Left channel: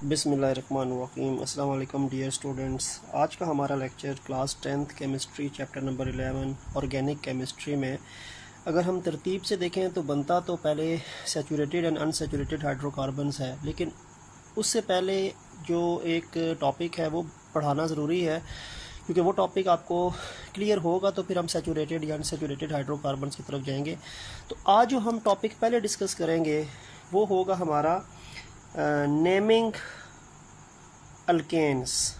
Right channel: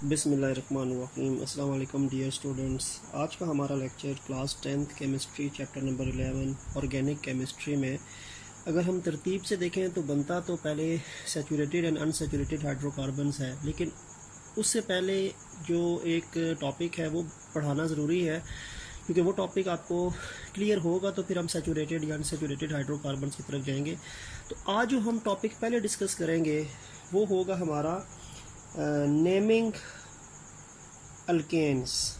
बिस्मिल्लाहिर्रहमानिर्रहीम। अस्सलाम वालेकुम डियर स्टूडेंट्स। आज का हमारा lecture class 10th chemistry chapter number 11 organic chemistry में अगर हम तरतीब से देखें तो बनता तो पहले सैचुरेटेड एंड अनसैचुरेटेड हाइड्रोकार्बन्स है, लेकिन उससे पहले जो एक टॉपिक है वो पढ़ाना ज़रूरी है, क्योंकि वो टॉपिक आपको क्लियर होगा तो फिर हम सैचुरेटेड या अनसैचुरेटेड हाइड्रोकार्बन्स की तरफ जाएंगे। तो आज जो हम टॉपिक पहले डिस्कस करेंगे वो होगा हमारा नेमिंग अल्केन्स।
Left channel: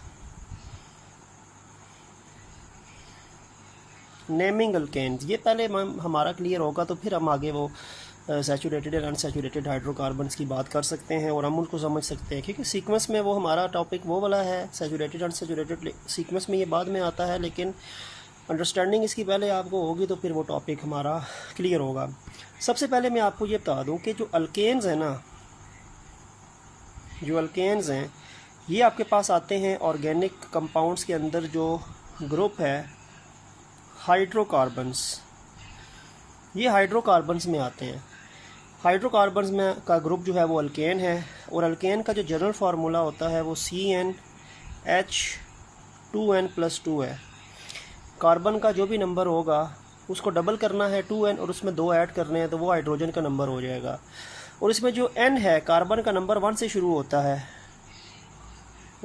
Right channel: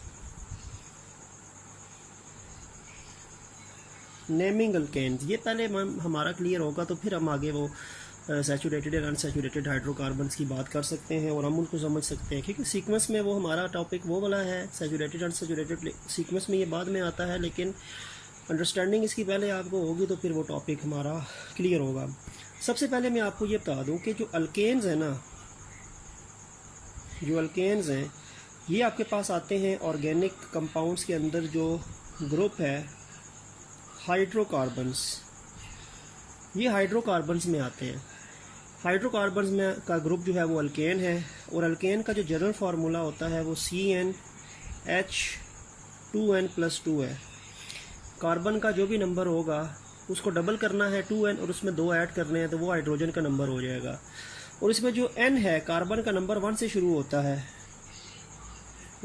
नेमिंग अल्केन्स ये पहले हमारा क्लियर होगा तो फिर हम आगे वो सैचुरेटेड एंड अनसैचुरेटेड हाइड्रोकार्बन्स की बात कर सकते हैं और हम उनको समझ सकते हैं, क्योंकि सीक्वेंस में वो हमारा टॉपिक वो वाला है। सैचुरेटेड अनसैचुरेटेड सीक्वेंस में ये बाद में आता है, लेकिन अंडरस्टैंडिंग इसकी पहले आपको होगी तो फिर वो टॉपिक हमारा क्लियर होगा। सबसे पहले मैं आपको ये बता दूं कि जो अल्केन्स हैं ना, जो अल्केन्स हैं ये आपके पास आते हैं ऑर्गेनिक कंपाउंड्स के अंदर। जो ग्रुप है हाइड्रोकार्बन्स, ये हाइड्रोकार्बन्स में आते हैं। हाइड्रोकार्बन्स में का ग्रुप जो है वो अल्केन है, और अल्केन का जो जनरल फार्मूला होता है वो CnH2n+2 है। कार्बन का जो भी नंबर होगा उसको डबल करना है 2n और उसमें 2 ऐड करने हैं तो वो हाइड्रोजन का नंबर हो जाएगा। और इसमें जो n है कार्बन का नंबर 1 से शुरू होता है,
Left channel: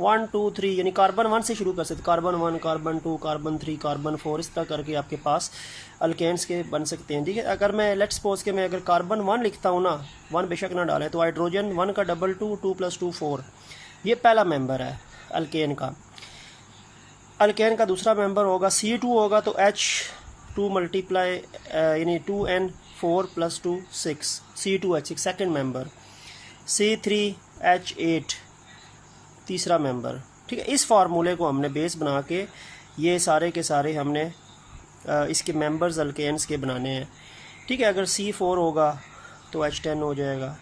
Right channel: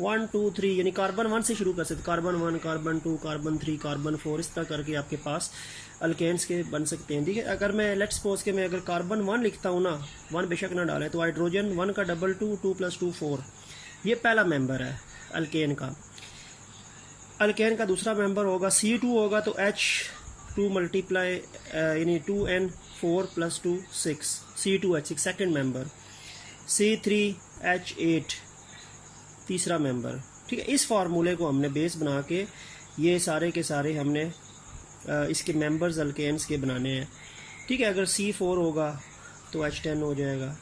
1 2 3, यानी कार्बन 1 से शुरू कर सकते, कार्बन 1, कार्बन 2, कार्बन 3, कार्बन 4, इस तरह करके आपके पास अल्केन्स के बन सकते हैं। ठीक है, अगर मैं लेट्स सपोज के मैं अगर कार्बन 1 लिखता हूँ ना, 1 बेशक ना डालें, तो हाइड्रोजन 1 का डबल 2, 2 + 2 4, ये पहला मेंबर है अल्केन का। अल्केन का दूसरा मेंबर होगा C2 होगा तो H2 मल्टीप्लाई यानी 2n4 + 2 6, C2H6 second member, C3H8 तीसरा मेंबर। ठीक है, इस फार्मूले को हमने बेस बना के ये सारे के सारे हमने इसके मेंबर्स अल्केन्स के बनाने हैं। ठीक है, अगर C4 होगा तो H10 हो जाएगा,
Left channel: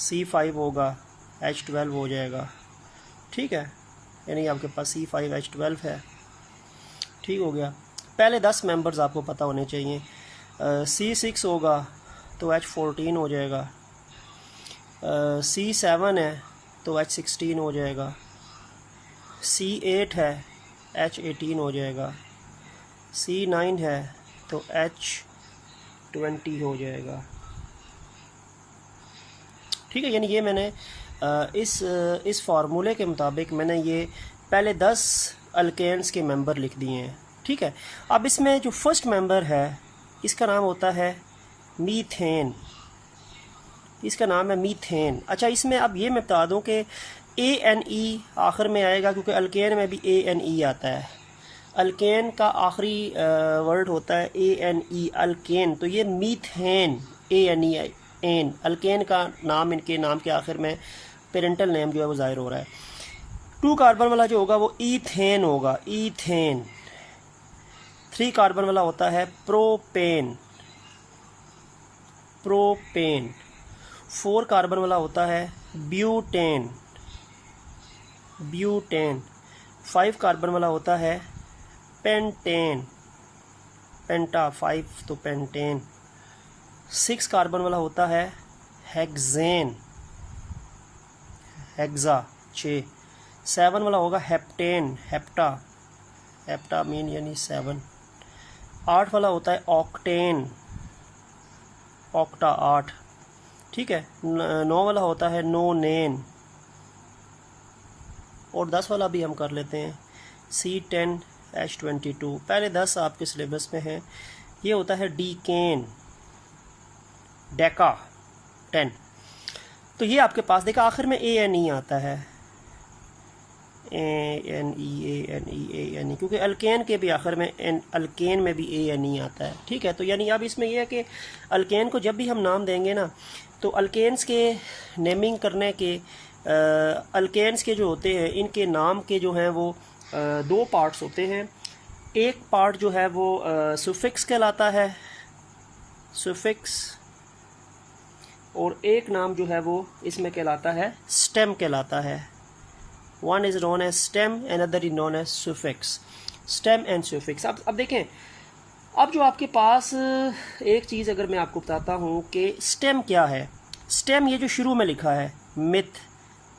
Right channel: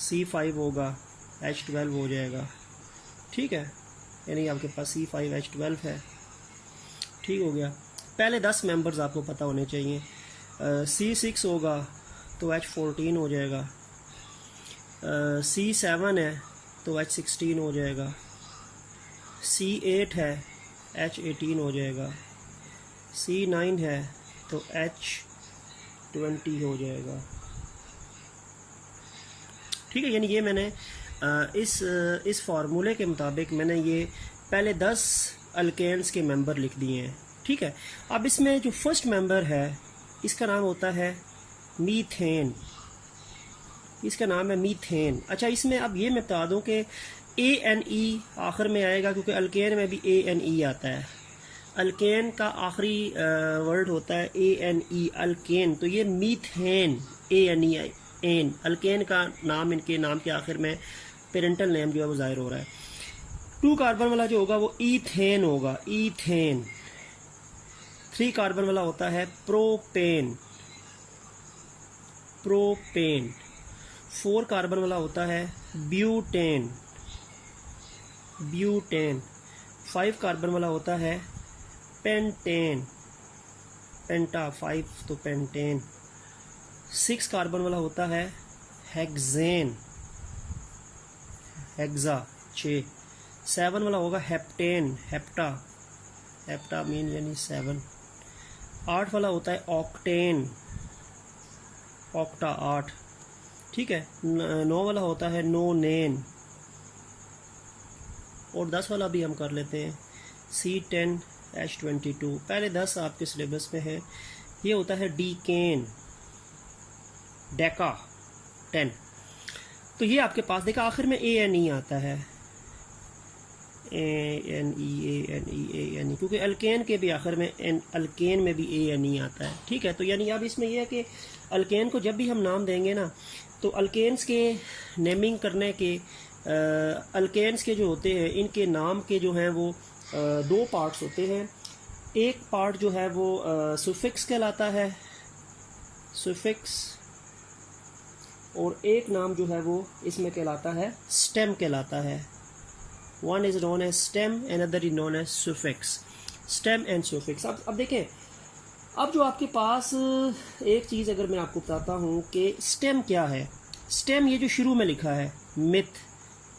C5 होगा H12 हो जाएगा। ठीक है, यानी आपके पास C5H12 है। ठीक हो गया, पहले 10 मेंबर्स आपको पता होने चाहिए। C6 होगा तो H14 हो जाएगा, C7 है तो H16 हो जाएगा, C8 है H18 हो जाएगा, C9 है तो H20 हो जाएगा। ठीक है, यानी ये मैंने इस फार्मूले के मुताबिक मैंने ये पहले 10 अल्केन्स के मेंबर लिख दिए हैं। ठीक है, अब इसमें जो फर्स्ट मेंबर है इसका नाम होता है मीथेन, इसका नाम है मीथेन। अच्छा, इसमें अब ये मैं बता दूं कि ANE आखिर में आएगा, क्योंकि अल्केन में भी ANE आता है। अल्केन का आखिरी वर्ड होता है ANE, अल्केन। तो ये मीथेन, ANE एन, अल्केन का नाम, इनके नाम के आखिर में पेरेंटल नेम जो है वो जाहिर हो रहा है। 2 कार्बन वाला जो होगा वो ईथेन होगा, ईथेन। 3 कार्बन वाला होता है प्रोपेन, प्रोपेन। 4 कार्बन वाला होता है ब्यूटेन, ब्यूटेन। 5 कार्बन वाला होता है पेंटेन, पेंटा 5 तो पेंटेन। 6 कार्बन वाला होता है हेक्सेन, हेक्सा 6। 7 वाला होगा हेप्टेन, हेप्टा, हेप्टा मीन यानी 7। 8 वाला होता है ऑक्टेन, ऑक्टा 8। ठीक है, 9 वाला होता है नोनेन, और 10 वाला भी हम कर लेते हैं C10H22। पहले 10 आपके सिलेबस में है, ये होता है डीकेन, डेका 10। तो ये आपके पास देखा आखिर में ANE आता है, ANE, क्योंकि अल्केन के भी आखिर में अल्केन में भी ANE आता है। ठीक है, तो यानी अब इसमें यह है कि अल्केन को जब भी हम नाम देंगे ना, तो अल्केन्स के नेमिंग करने के अल्केन्स के जो होते हैं इनके नाम के जो हैं वो 2 पार्ट्स होते हैं। एक पार्ट जो है वो सुफिक्स कहलाता है, सुफिक्स, और एक नाम जो है वो इसमें कहलाता है स्टेम कहलाता है। One is known as stem, another is known as suffix, stem and suffix. अब देखें, अब जो आपके पास एक चीज़ अगर मैं आपको बताता हूँ कि स्टेम क्या है। स्टेम ये जो शुरू में लिखा है मिथ,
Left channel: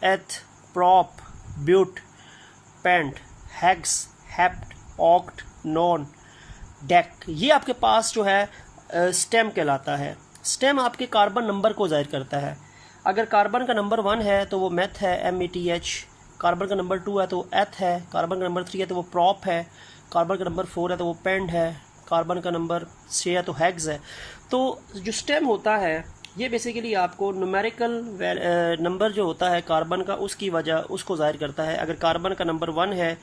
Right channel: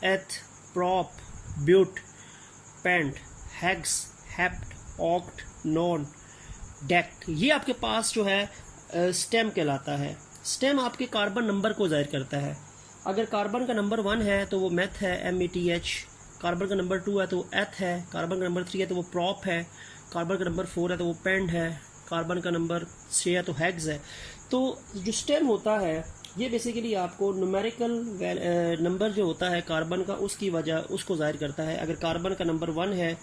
एथ, prop, but, pent, hex, hept, oct, non, dect। ये आपके पास जो है स्टेम कहलाता है। स्टेम आपके कार्बन नंबर को जाहिर करता है। अगर कार्बन का नंबर 1 है तो वो मेथ है, METH। कार्बन का नंबर 2 है तो वो एथ है। कार्बन का नंबर 3 है तो वो प्रॉप है। कार्बन का नंबर 4 है तो वो पेंड है। कार्बन का नंबर 6 है तो हेग्स है। तो जो स्टेम होता है ये बेसिकली आपको न्यूमेरिकल नंबर जो होता है कार्बन का उसकी वजह उसको जाहिर करता है। अगर कार्बन का नंबर 1 है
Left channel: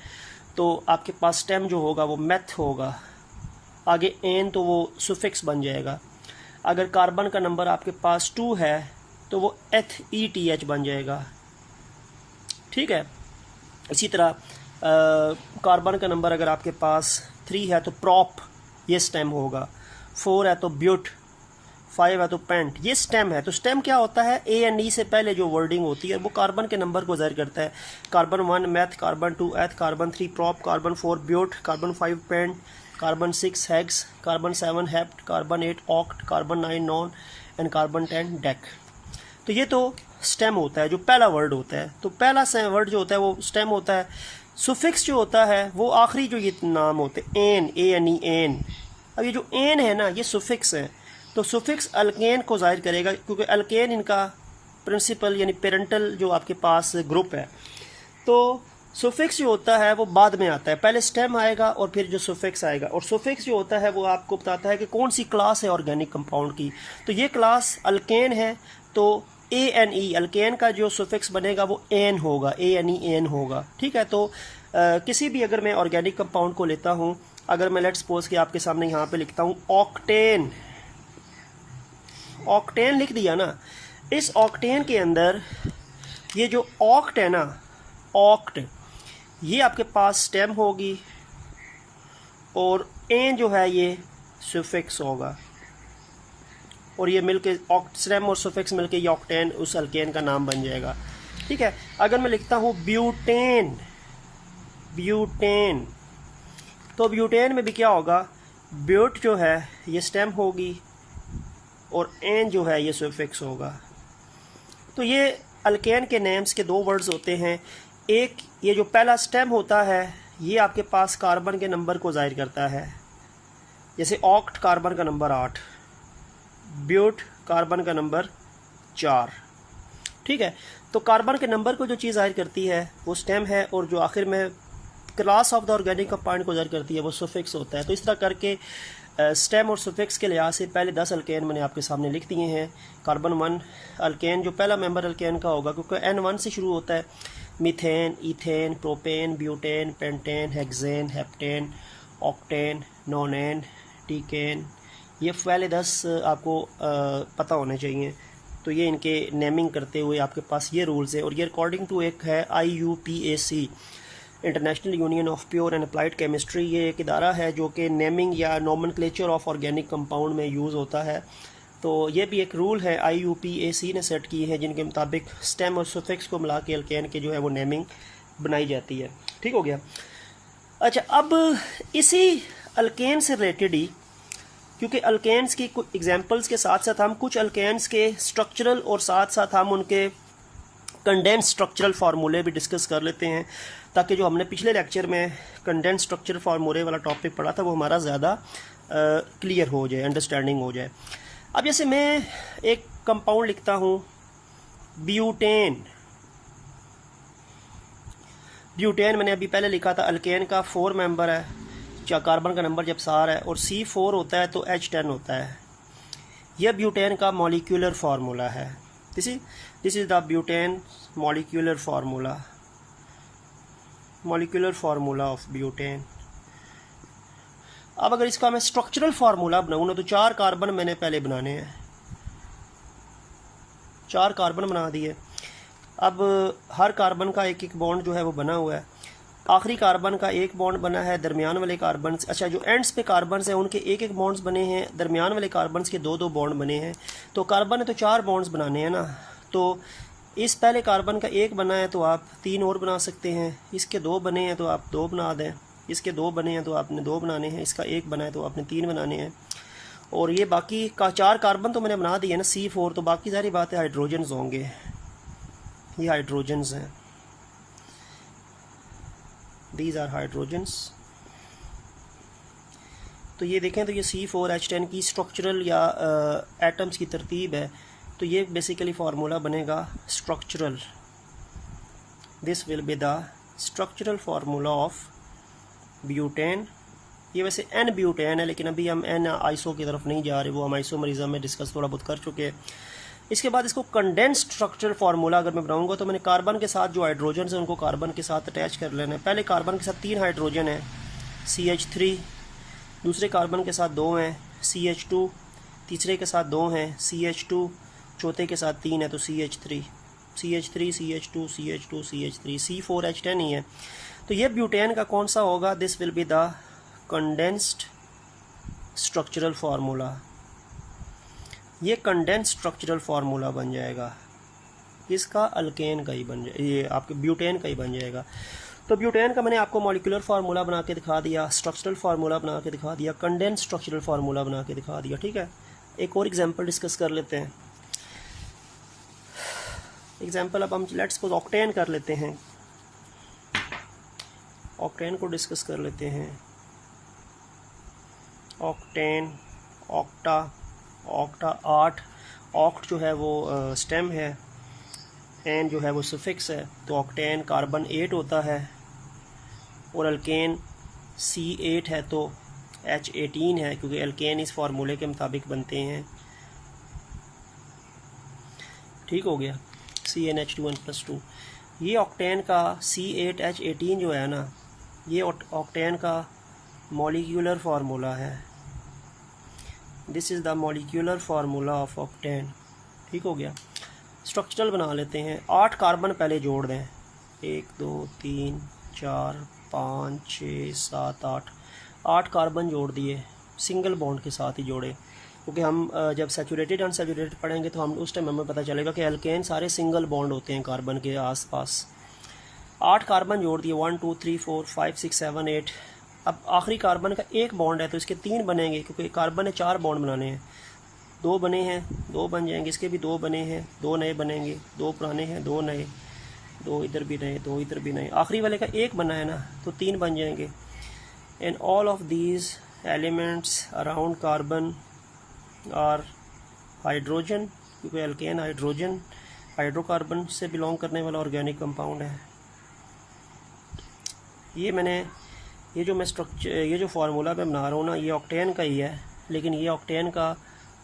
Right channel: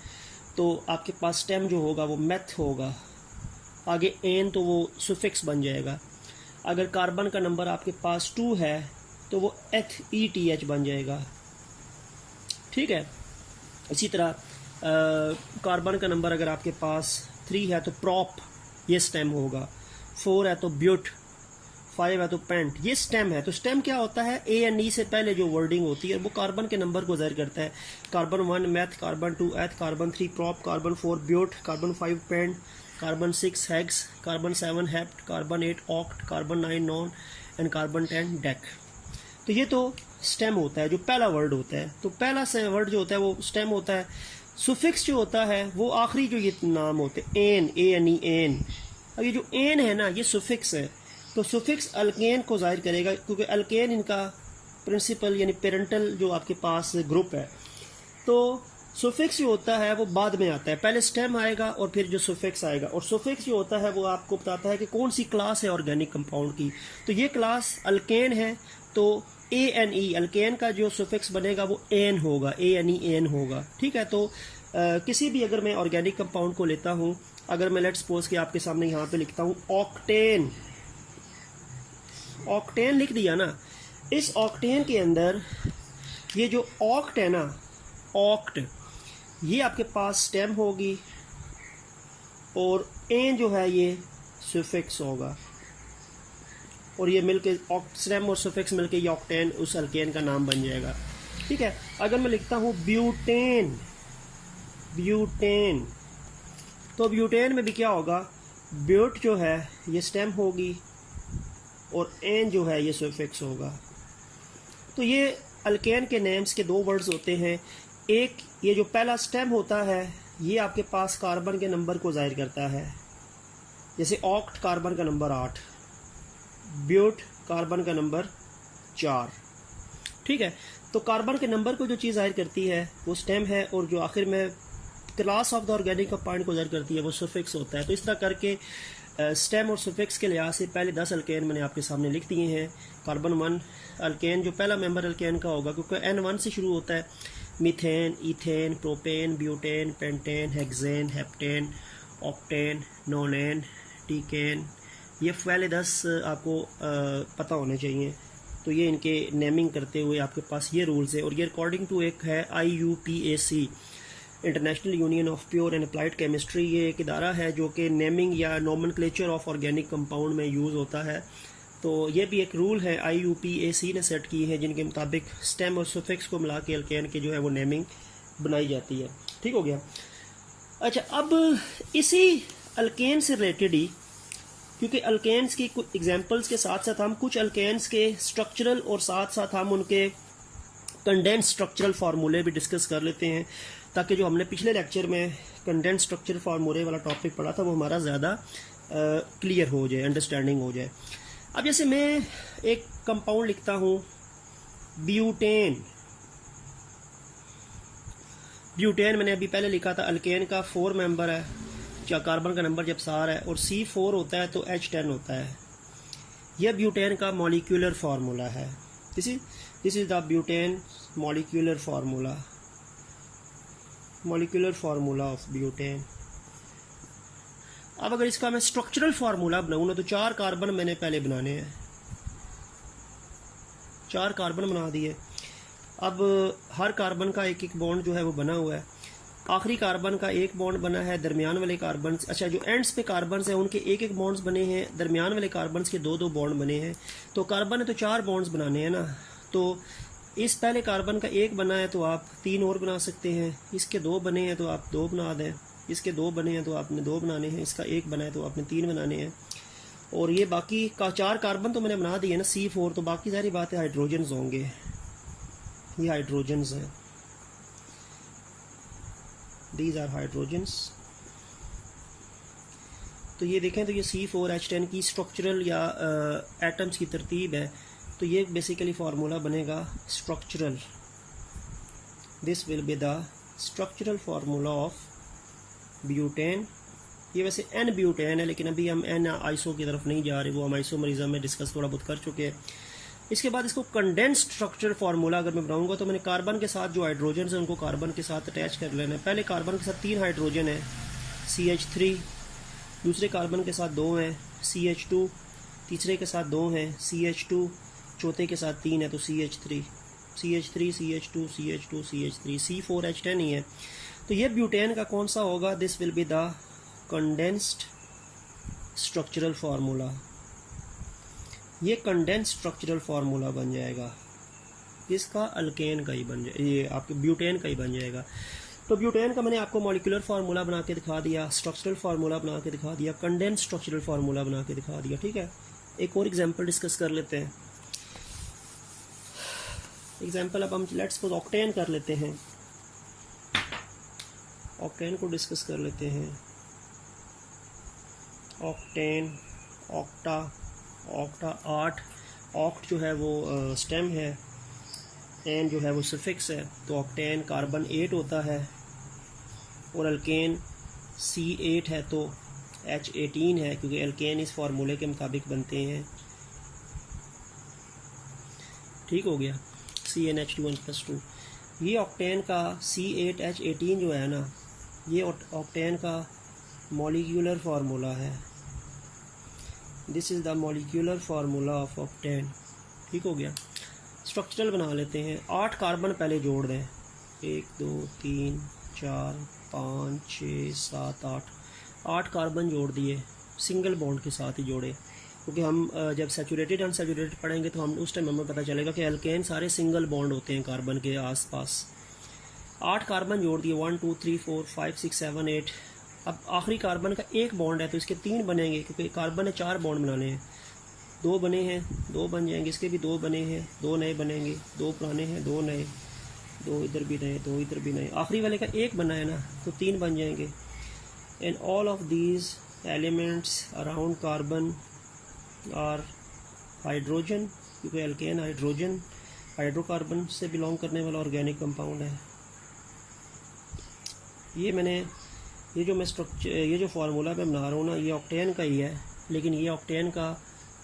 तो आपके पास स्टेम जो होगा वो मेथ होगा, आगे एन तो वो सुफिक्स बन जाएगा। अगर कार्बन का नंबर आपके पास 2 है तो वो ETH बन जाएगा, ठीक है। इसी तरह कार्बन का नंबर अगर आपके पास 3 है तो प्रॉप, ये स्टेम होगा। 4 है तो ब्यूट, 5 है तो पेंट, ये स्टेम है। तो स्टेम क्या होता है, ANE से पहले जो वर्डिंग होती है वो कार्बन के नंबर को जाहिर करता है। Carbon 1 meth, carbon 2 eth, carbon 3 prop, carbon 4 but, carbon 5 pent, carbon 6 hex, carbon 7 hept, carbon 8 oct, carbon 9 non and carbon 10 dec. तो ये तो स्टेम होता है, जो पहला वर्ड होता है। तो पहला वर्ड जो होता है वो स्टेम होता है। सुफिक्स जो होता है वो आखिरी जो ये नाम होते हैं, एन, ANE, एन। अब ये जो एन है ना ये सुफिक्स है। तो सुफिक्स अल्केन को जाहिर करेगा, क्योंकि अल्केन इनका प्रिंसिपल यानी पेरेंटल जो आपके पास ग्रुप है। तो सुफिक्स जो होता है वो बाद में आता है, पहले स्टेम आएगा और फिर जो सुफिक्स आएगा। और सुफिक्स जो होता है वो आपको बताता है कि कौन सी क्लास है ऑर्गेनिक कंपाउंड की। तो ये क्लास अल्केन है तो ANE, अल्केन का जो सुफिक्स बनेगा वो एन होगा, ANE एन होगा, ठीक है। तो किसी भी अगर मैं ऑर्गेनिक कंपाउंड को लेता हूँ, अगर मैं लेट्स सपोज कि आपके सामने यहाँ पे लिखता हूँ ऑक्टेन, ऑक्टेन लिख दिया ना। इस ऑक्टेन के अंदर ये जो ऑक्ट है ना, ऑक्ट, ये आपके पास स्टेम होगी और एन जो है ये सुफिक्स होगा, और ये मिलके स्टेम और सुफिक्स मिलके ये ऑक्टेन उस अल्केन का नाम बन जाएगा, ठीक है। अगर मैं लिखता हूँ ब्यूटेन, ब्यूटेन, तो ब्यूटेन में भी क्या होगा, ब्यूट जो है ये स्टेम होगी और एन जो है ये सुफिक्स होगा। तो ये अल्केन के नेम्स के 2 वर्ड्स होते हैं। एक ये जो पहला स्टेम होता है ये आपके पास कार्बन के नंबर को जाहिर करता है, जैसे ऑक्ट कार्बन का नंबर 8, ब्यूट कार्बन का नंबर 4, ठीक है। तो कार्बन के नंबर को जो चीज़ जाहिर करती है वो स्टेम है, और जो आखिर में class of the organic compound को जाहिर करती है वो सुफिक्स होता है। तो इस तरह करके स्टेम और सुफिक्स के लिहाज से पहले 10 अल्केन मैंने आपके सामने लिख दिए हैं। कार्बन 1 अल्केन जो पहला मेंबर अल्केन का होगा, क्योंकि N1 से शुरू होता है। Methane, ethane, propane, butane, pentane, hexane, heptane, octane, nonane, decane, ये पहले 10 आपको पता होने चाहिए। तो ये इनके नेमिंग करते हुए आपके पास ये रूल्स है, और ये अकॉर्डिंग टू एक है IUPAC, international union of pure and applied chemistry. ये एक इदारा है जो कि नेमिंग या नोमेनक्लेचर ऑफ ऑर्गेनिक कंपाउंड में यूज़ होता है। तो ये भी एक रूल है IUPAC ने सेट की है, जिनके मुताबिक स्टेम और सुफिक्स को मिला के अल्केन के जो है वो नेमिंग बनाई जाती है, ठीक हो गया। अच्छा, अब इसी अल्केन से रिलेटेड ही, क्योंकि अल्केन्स की कुछ एग्जांपल्स के साथ साथ हम कुछ अल्केन्स के स्ट्रक्चरल और साथ साथ हम उनके कंडेंस स्ट्रक्चरल फार्मूले भी डिस्कस कर लेते हैं, ताकि जो हमने पिछले लेक्चर में कंडेंस स्ट्रक्चरल फार्मूले वाला टॉपिक पढ़ा था वो हमारा ज़्यादा क्लियर हो जाए, अंडरस्टैंडिंग हो जाए। अब जैसे मैं एक कंपाउंड लिखता हूँ ब्यूटेन, ब्यूटेन मैंने अभी पहले लिखा था अल्केन का 4 मेंबर है, क्या कार्बन का नंबर जब 4 है और C4 होता है तो H10 होता है। यह ब्यूटेन का मॉलिक्यूलर फार्मूला है। This is the butane molecular formula, molecular formula of butane. अब अगर इसका मैं स्ट्रक्चरल फार्मूला बनाऊँ ना तो 4 कार्बन मैंने पहले बनाने हैं, 4 कार्बन बना दिए। अब हर कार्बन का एक एक बॉन्ड जो है वो बना हुआ है। आखिरी कार्बन का एक बॉन्ड बना है, दरमियान वाले कार्बन, अच्छा जो एंड्स पे कार्बन हैं उनके एक एक बॉन्ड्स बने हैं, दरमियान वाले कार्बन के 2-2 बॉन्ड बने हैं। तो कार्बन है तो 4 बॉन्ड्स बनाने हैं ना, तो इस पहले कार्बन का 1 बना है तो आप 3 और बना सकते हैं, इसके 2 बने हैं तो आप 2 बना दें, इसके 2 बने हैं तो आपने 2 बनाने हैं, इसका 1 बना है तो आपने 3 बनाने हैं। और ये बाकी का 4 कार्बन तो मैंने बना दिया ना C4, तो बाकी सारी बात है हाइड्रोजन्स होंगे, ये हाइड्रोजन्स हैं। These are hydrogens. तो ये देखें तो ये C4H10 की स्ट्रक्चरल या एटम्स की तरतीब है। तो ये बेसिकली फार्मूला बनेगा structural, this will be the structural formula of butane. ये वैसे एन ब्यूटेन है, लेकिन अभी हम एन आइसो की तरफ नहीं जा रहे, वो हम आइसोमरिज्म में डिस्कस थोड़ा बहुत कर चुके हैं। इसके बाद इसको कंडेंस्ड स्ट्रक्चरल फार्मूला अगर मैं बनाऊंगा तो मैंने कार्बन के साथ जो हाइड्रोजन है उनको कार्बन के साथ अटैच कर लेना है। पहले कार्बन के साथ 3 हाइड्रोजन है CH3, दूसरे कार्बन के साथ 2 हैं CH2, तीसरे के साथ 2 हैं CH2, चौथे के साथ 3 है तो CH3, CH3 CH2 CH2 CH3, C4H10 ही है। तो ये ब्यूटेन का कौन सा होगा? This will be the condensed structural formula. ये कंडेंस्ड स्ट्रक्चरल फार्मूला बन जाएगा, इसका अल्केन का ही बन जाएगा, ये आपके ब्यूटेन का ही बन जाएगा। तो ब्यूटेन का मैंने आपको मॉलिक्यूलर फार्मूला बना के दिखा दिया, स्ट्रक्चरल फार्मूला बना के दिखा दिया, कंडेंस्ड स्ट्रक्चरल फार्मूला बना के दिखा दिया। ठीक है, एक और एग्जांपल डिस्कस कर लेते हैं। एग्जांपल अब हम लेट्स सपोज ऑक्टेन कर लेते हैं, ऑक्टेन को डिस्कस कर लेते हैं। ऑक्टेन, ऑक्टा, ऑक्टा 8, ऑक्ट जो है वो स्टेम है, एन जो है वो सफिक्स है। तो ऑक्टेन कार्बन 8 होता है और अल्केन C8 है तो H18 है, क्योंकि अल्केन इस फार्मूले के मुताबिक बनते हैं। ठीक हो गया, CnH2n+2। ये ऑक्टेन का C8H18 जो है ना, ये ऑक्टेन का मॉलिक्यूलर फार्मूला है। This is the molecular formula of octane. ठीक हो गया, स्ट्रक्चरल बना लेते हैं। 8 कार्बन पहले जोड़ दें, 1 2 3 4 5 6 7 8 कार्बन जोड़ दिए, सिंगल बॉन्ड के साथ ही जोड़े, क्योंकि हम जब सैचुरेटेड अनसैचुरेटेड पढ़ेंगे तो हम उस टाइम हमें पता चलेगा कि एल्केन सारे सिंगल बॉन्ड होते हैं कार्बन के आसपास। 8 कार्बन जोड़ दिए, 1 2 3 4 5 6 7 8। अब आखिरी कार्बन का एक बॉन्ड है तो इसके 3 बनेंगे, क्योंकि कार्बन ने 4 बॉन्ड बनाने हैं। 2 बने हैं, 2 बन जाएंगे, इसके भी 2 बने हैं, 2 नए बनेंगे, 2 पुराने हैं, 2 नए, 2 इधर भी नए, 2 इधर भी नए। आखिरी वाले का एक बना है ना, तो 3 बन जाएंगे। And all of these elements around carbon और हाइड्रोजन, क्योंकि अल्केन हाइड्रोजन हाइड्रोकार्बन से बिलोंग करने वाला ऑर्गेनिक कंपाउंड है। ये जो फार्मूला मैं बना रहा हूँ ना, ये ऑक्टेन का ही है, लेकिन ये ऑक्टेन का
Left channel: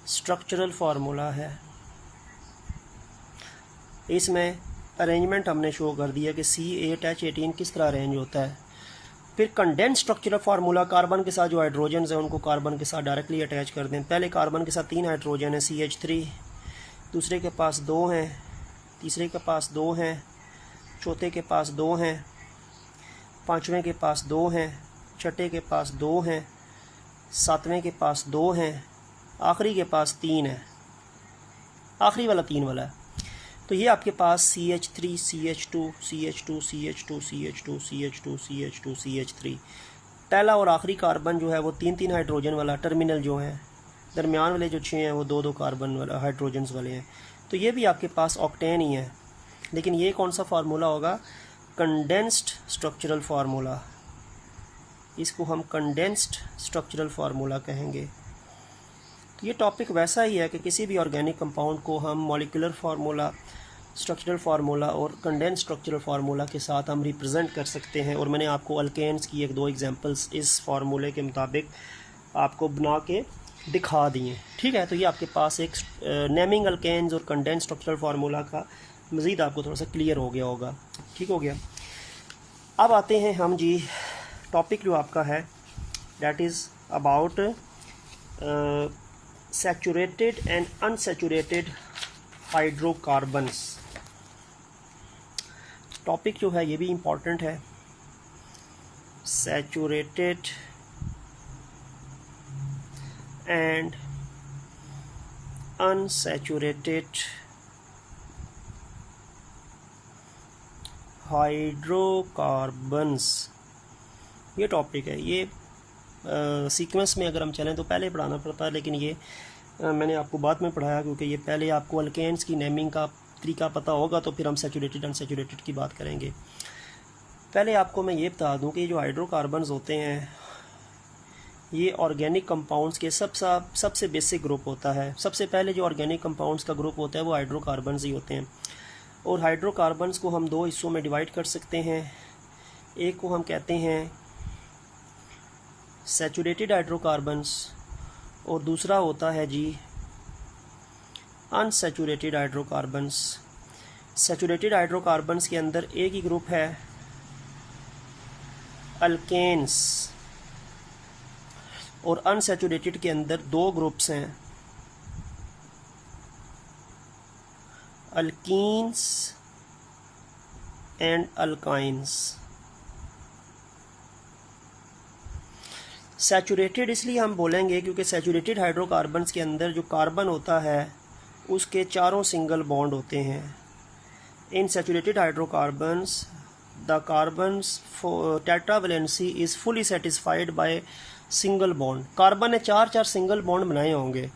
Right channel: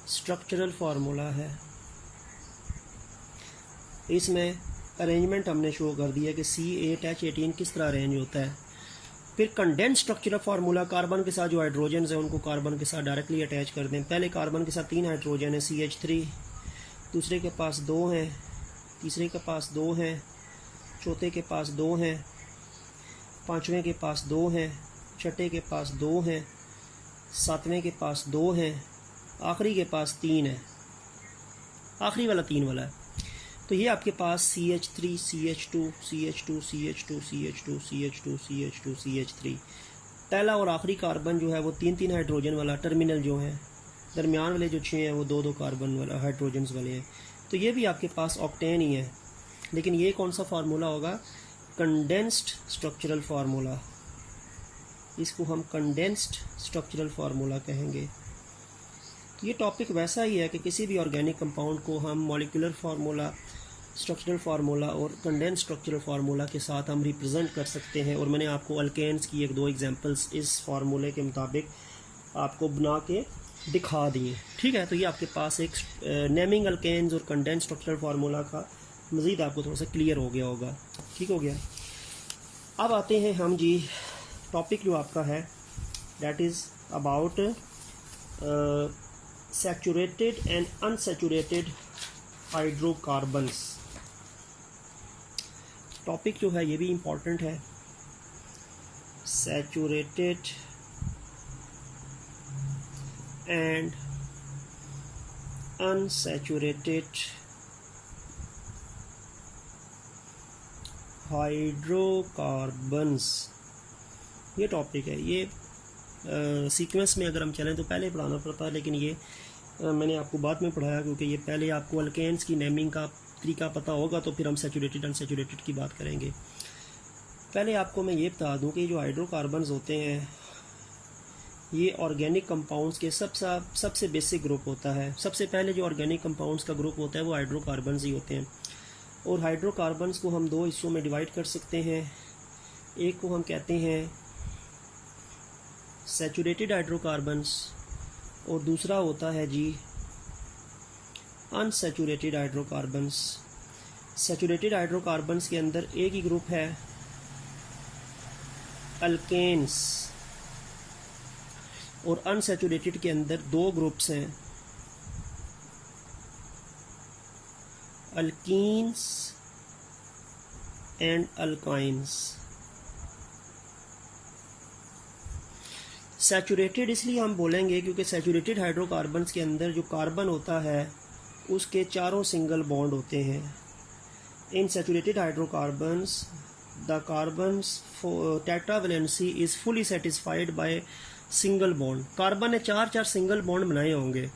स्ट्रक्चरल फार्मूला है। इसमें अरेंजमेंट हमने शो कर दिया कि C8H18 किस तरह अरेंज होता है। फिर कंडेंस स्ट्रक्चरल फार्मूला, कार्बन के साथ जो हाइड्रोजन है उनको कार्बन के साथ डायरेक्टली अटैच कर दें। पहले कार्बन के साथ 3 हाइड्रोजन है CH3, दूसरे के पास 2 हैं, तीसरे के पास 2 हैं, चौथे के पास 2 हैं, पांचवें के पास 2 हैं, छठे के पास 2 हैं, सातवें के पास 2 हैं, आखिरी के पास 3 है, आखिरी वाला 3 वाला है। तो ये आपके पास CH3 CH2 CH2 CH2 CH2 CH2 CH2 CH3, पहला और आखिरी कार्बन जो है वो 3 हाइड्रोजन वाला, टर्मिनल जो है दरमियान वाले जो 6 हैं वो 2 कार्बन वाला हाइड्रोजन्स वाले हैं। तो ये भी आपके पास ऑक्टेन ही है, लेकिन ये कौन सा फार्मूला होगा? Condensed structural formula. इसको हम कंडेंस्ड स्ट्रक्चरल फार्मूला कहेंगे। तो ये टॉपिक वैसा ही है कि किसी भी ऑर्गेनिक कंपाउंड को हम मॉलिक्यूलर फार्मूला, स्ट्रक्चरल फार्मूला और कंडेंस्ड स्ट्रक्चरल फार्मूला के साथ हम रिप्रेजेंट कर सकते हैं। और मैंने आपको अल्केन्स की 1-2 एग्जांपल्स इस फार्मूले के मुताबिक आपको बना के दिखा दिए। ठीक है, तो ये आपके पास एक नेमिंग अल्केन्स और कंडेंस्ड स्ट्रक्चरल फार्मूला का मज़ीद आपको थोड़ा सा क्लियर हो गया होगा। ठीक हो गया। अब आते हैं हम जी, टॉपिक जो आपका है that is about saturated and unsaturated hydrocarbons. Topic जो है ये भी इम्पॉर्टेंट है, सैचुरेटेड एंड अनसैचुरेटेड हाइड्रोकार्बन्स, ये टॉपिक है। ये सीक्वेंस में अगर हम चलें तो पहले पढ़ाना पड़ता है, लेकिन ये मैंने आपको बाद में पढ़ाया, क्योंकि ये पहले आपको अल्केन्स की नेमिंग का तरीका पता होगा तो फिर हम सैचुरेटेड अनसैचुरेटेड की बात करेंगे। पहले आपको मैं ये बता दूं कि जो हाइड्रोकार्बन्स होते हैं ये ऑर्गेनिक कंपाउंड्स के सबसे बेसिक ग्रुप होता है। सबसे पहले जो ऑर्गेनिक कंपाउंड्स का ग्रुप होता है वो हाइड्रोकार्बन्स ही होते हैं। और हाइड्रोकार्बन्स को हम दो हिस्सों में डिवाइड कर सकते हैं। एक को हम कहते हैं सैचुरेटेड हाइड्रोकार्बन्स और दूसरा होता है जी अनसैचुरेटेड हाइड्रोकार्बन्स। सैचुरेटेड हाइड्रोकार्बन्स के अंदर एक ही ग्रुप है अल्केन्स और अनसैचुरेटेड के अंदर दो ग्रुप्स हैं अल्कीन्स एंड अल्काइन्स। सैचुरेटेड इसलिए हम बोलेंगे क्योंकि सैचुरेटेड हाइड्रोकार्बन्स के अंदर जो कार्बन होता है उसके चारों सिंगल बॉन्ड होते हैं। In saturated hydrocarbons the carbon's tetravalency is fully satisfied by single bond. Carbon ने चार सिंगल बॉन्ड बनाए होंगे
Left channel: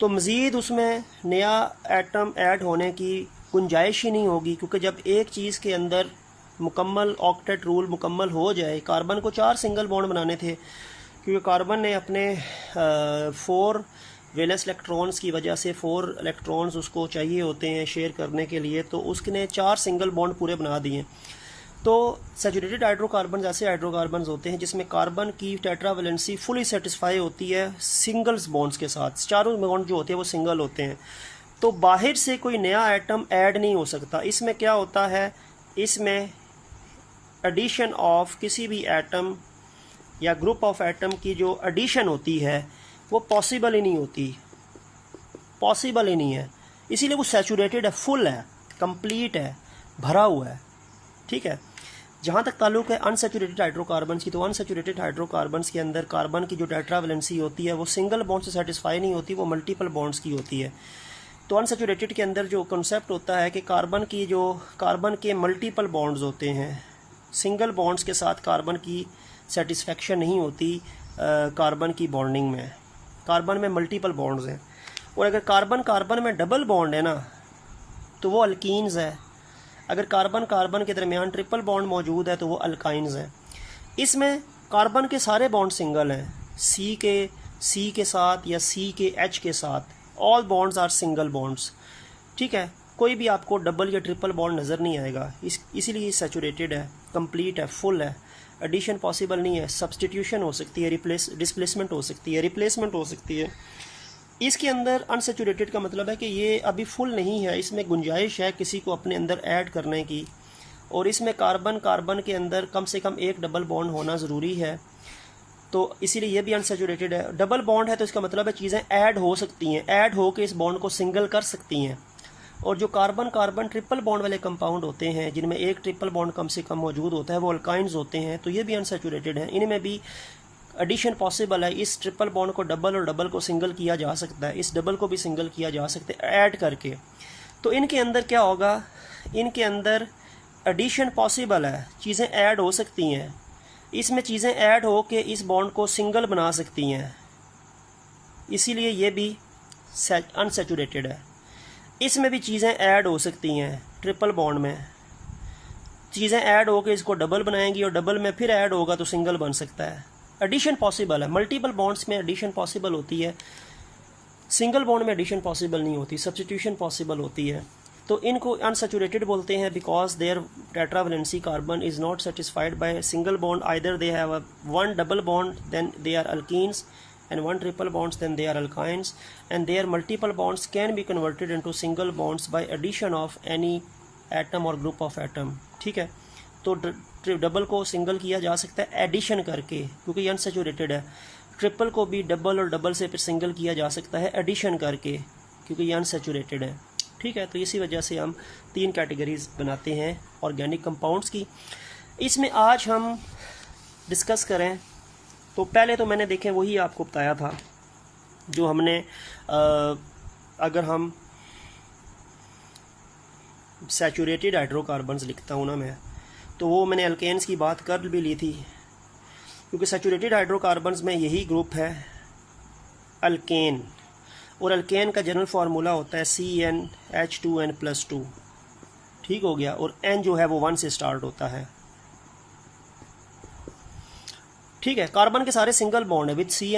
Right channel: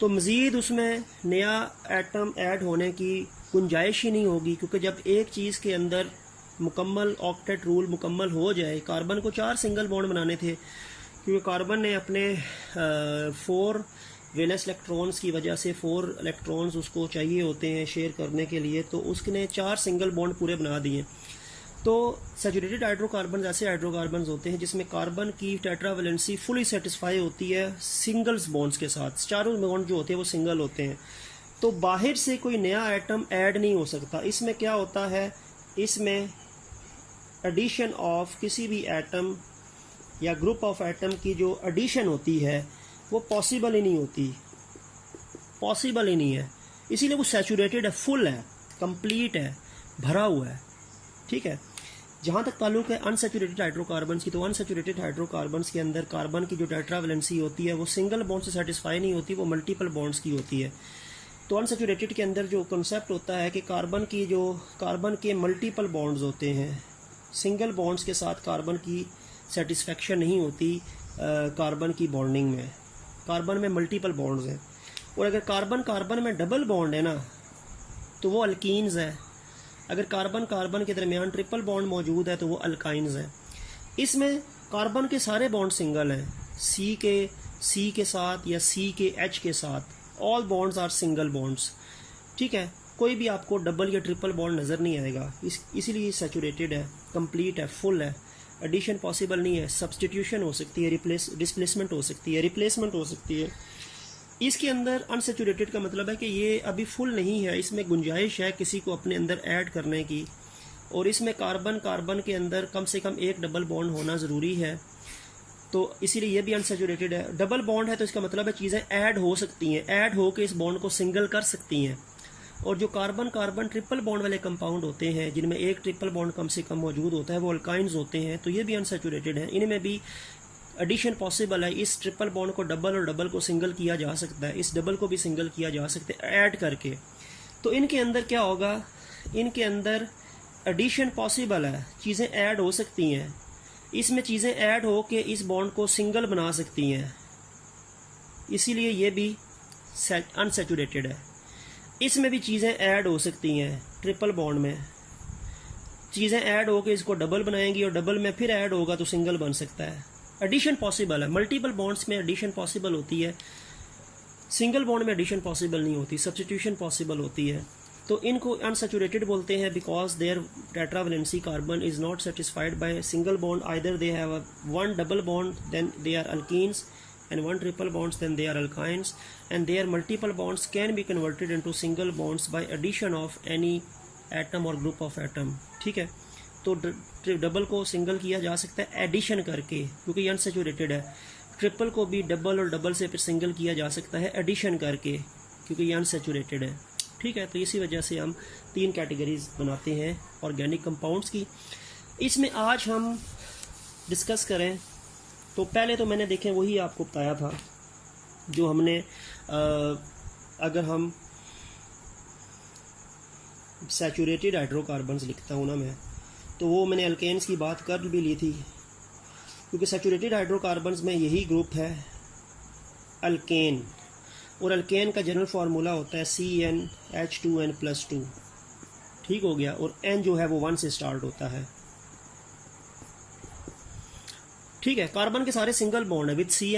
तो मज़ीद उसमें नया एटम ऐड होने की गुंजाइश ही नहीं होगी, क्योंकि जब एक चीज़ के अंदर मुकम्मल ऑक्टेट रूल मुकम्मल हो जाए। कार्बन को 4 सिंगल बॉन्ड बनाने थे क्योंकि कार्बन ने अपने 4 वैलेंस इलेक्ट्रॉन्स की वजह से 4 इलेक्ट्रॉन्स उसको चाहिए होते हैं शेयर करने के लिए, तो उसने 4 सिंगल बॉन्ड पूरे बना दिए। तो सैचुरेटेड हाइड्रोकार्बन ऐसे हाइड्रोकार्बन होते हैं जिसमें कार्बन की टेट्रावैलेंसी फुली सेटिस्फाई होती है सिंगल्स बॉन्ड्स के साथ। चारों बॉन्ड जो होते हैं वो सिंगल होते हैं, तो बाहर से कोई नया एटम ऐड नहीं हो सकता। इसमें क्या होता है, इसमें एडिशन ऑफ किसी भी एटम या ग्रुप ऑफ एटम की जो एडिशन होती है वो पॉसिबल ही नहीं होती, पॉसिबल ही नहीं है। इसीलिए वो सैचुरेटेड है, फुल है, कंप्लीट है, भरा हुआ है। ठीक है। जहाँ तक ताल्लुक है अनसैचुरेटेड हाइड्रोकार्बन्स की, तो अनसैचुरेटेड हाइड्रोकार्बन्स के अंदर कार्बन की जो टेट्रावैलेंसी होती है वो सिंगल बॉन्ड से सेटिस्फाई नहीं होती, वो मल्टीपल बॉन्ड्स की होती है। तो अनसैचुरेटेड के अंदर जो कॉन्सेप्ट होता है कि कार्बन के मल्टीपल बॉन्ड्स होते हैं, सिंगल बॉन्ड्स के साथ कार्बन की सेटिस्फेक्शन नहीं होती कार्बन की बॉन्डिंग में। कार्बन में मल्टीपल बॉन्ड्स हैं, और अगर कार्बन में डबल बॉन्ड है ना तो वो अल्कीन्स है। अगर कार्बन के दरमियान ट्रिपल बॉन्ड मौजूद है तो वो अल्काइन्स है। इसमें कार्बन के सारे बॉन्ड सिंगल हैं, सी के साथ या सी के एच के साथ, all bonds are single bonds. ठीक है, कोई भी आपको डबल या ट्रिपल बॉन्ड नज़र नहीं आएगा। इसीलिए सैचुरेटेड है, कंप्लीट है, फुल है। एडिशन पॉसिबल नहीं है, सब्सटीट्यूशन हो सकती है, डिस्प्लेसमेंट हो सकती है, रिप्लेसमेंट हो सकती है। इसके अंदर अनसैचुरेटेड का मतलब है कि ये अभी फुल नहीं है, इसमें गुंजाइश है किसी को अपने अंदर ऐड करने की, और इसमें कार्बन के अंदर कम से कम एक डबल बॉन्ड होना ज़रूरी है, तो इसीलिए ये भी अनसैचुरेटेड है। डबल बॉन्ड है तो इसका मतलब है चीज़ें ऐड हो सकती हैं, ऐड हो के इस बॉन्ड को सिंगल कर सकती हैं। और जो कार्बन ट्रिपल बॉन्ड वाले कंपाउंड होते हैं जिनमें एक ट्रिपल बॉन्ड कम से कम मौजूद होता है वो अल्काइंस होते हैं, तो ये भी अनसैचुरेटेड हैं। इनमें भी एडिशन पॉसिबल है, इस ट्रिपल बॉन्ड को डबल और डबल को सिंगल किया जा सकता है, इस डबल को भी सिंगल किया जा सकता है ऐड करके। तो इनके अंदर क्या होगा, इनके अंदर एडिशन पॉसिबल है, चीज़ें ऐड हो सकती हैं। इसमें चीज़ें ऐड हो के इस बॉन्ड को सिंगल बना सकती हैं, इसीलिए ये भी अनसैचुरेटेड है। इसमें भी चीज़ें ऐड हो सकती हैं, ट्रिपल बॉन्ड में चीज़ें ऐड हो के इसको डबल बनाएंगी और डबल में फिर ऐड होगा तो सिंगल बन सकता है। एडिशन पॉसिबल है, मल्टीपल बॉन्ड्स में एडिशन पॉसिबल होती है, सिंगल बॉन्ड में एडिशन पॉसिबल नहीं होती, सब्स्टिट्यूशन पॉसिबल होती है। तो इनको अनसैचुरेटेड बोलते हैं because their tetravalency carbon is not satisfied by single bond, either they have one double bond then they are alkenes and one triple bonds then they are alkynes, and their multiple bonds can be converted into single bonds by addition of any atom or group of atom। ठीक है, तो double को single किया जा सकता है addition करके क्योंकि ये अनसैचुरेटेड है। ट्रिपल को भी डबल और डबल से फिर सिंगल किया जा सकता है एडिशन करके क्योंकि ये अनसैचुरेटेड है। ठीक है, तो इसी वजह से हम 3 कैटेगरीज बनाते हैं ऑर्गेनिक कंपाउंड्स की। इसमें आज हम डिस्कस करें तो पहले तो मैंने देखें वही आपको बताया था जो हमने अगर हम सैचुरेटेड हाइड्रोकार्बन्स लिखता हूँ ना मैं, तो वो मैंने अल्केन्स की बात कर भी ली थी क्योंकि सैचुरेटेड हाइड्रोकार्बन्स में यही ग्रुप है अल्केन, और अल्केन का जनरल फार्मूला होता है CnH2n+2। ठीक हो गया, और N जो है वो 1 से स्टार्ट होता है। ठीक है, कार्बन के सारे सिंगल बॉन्ड है विद सी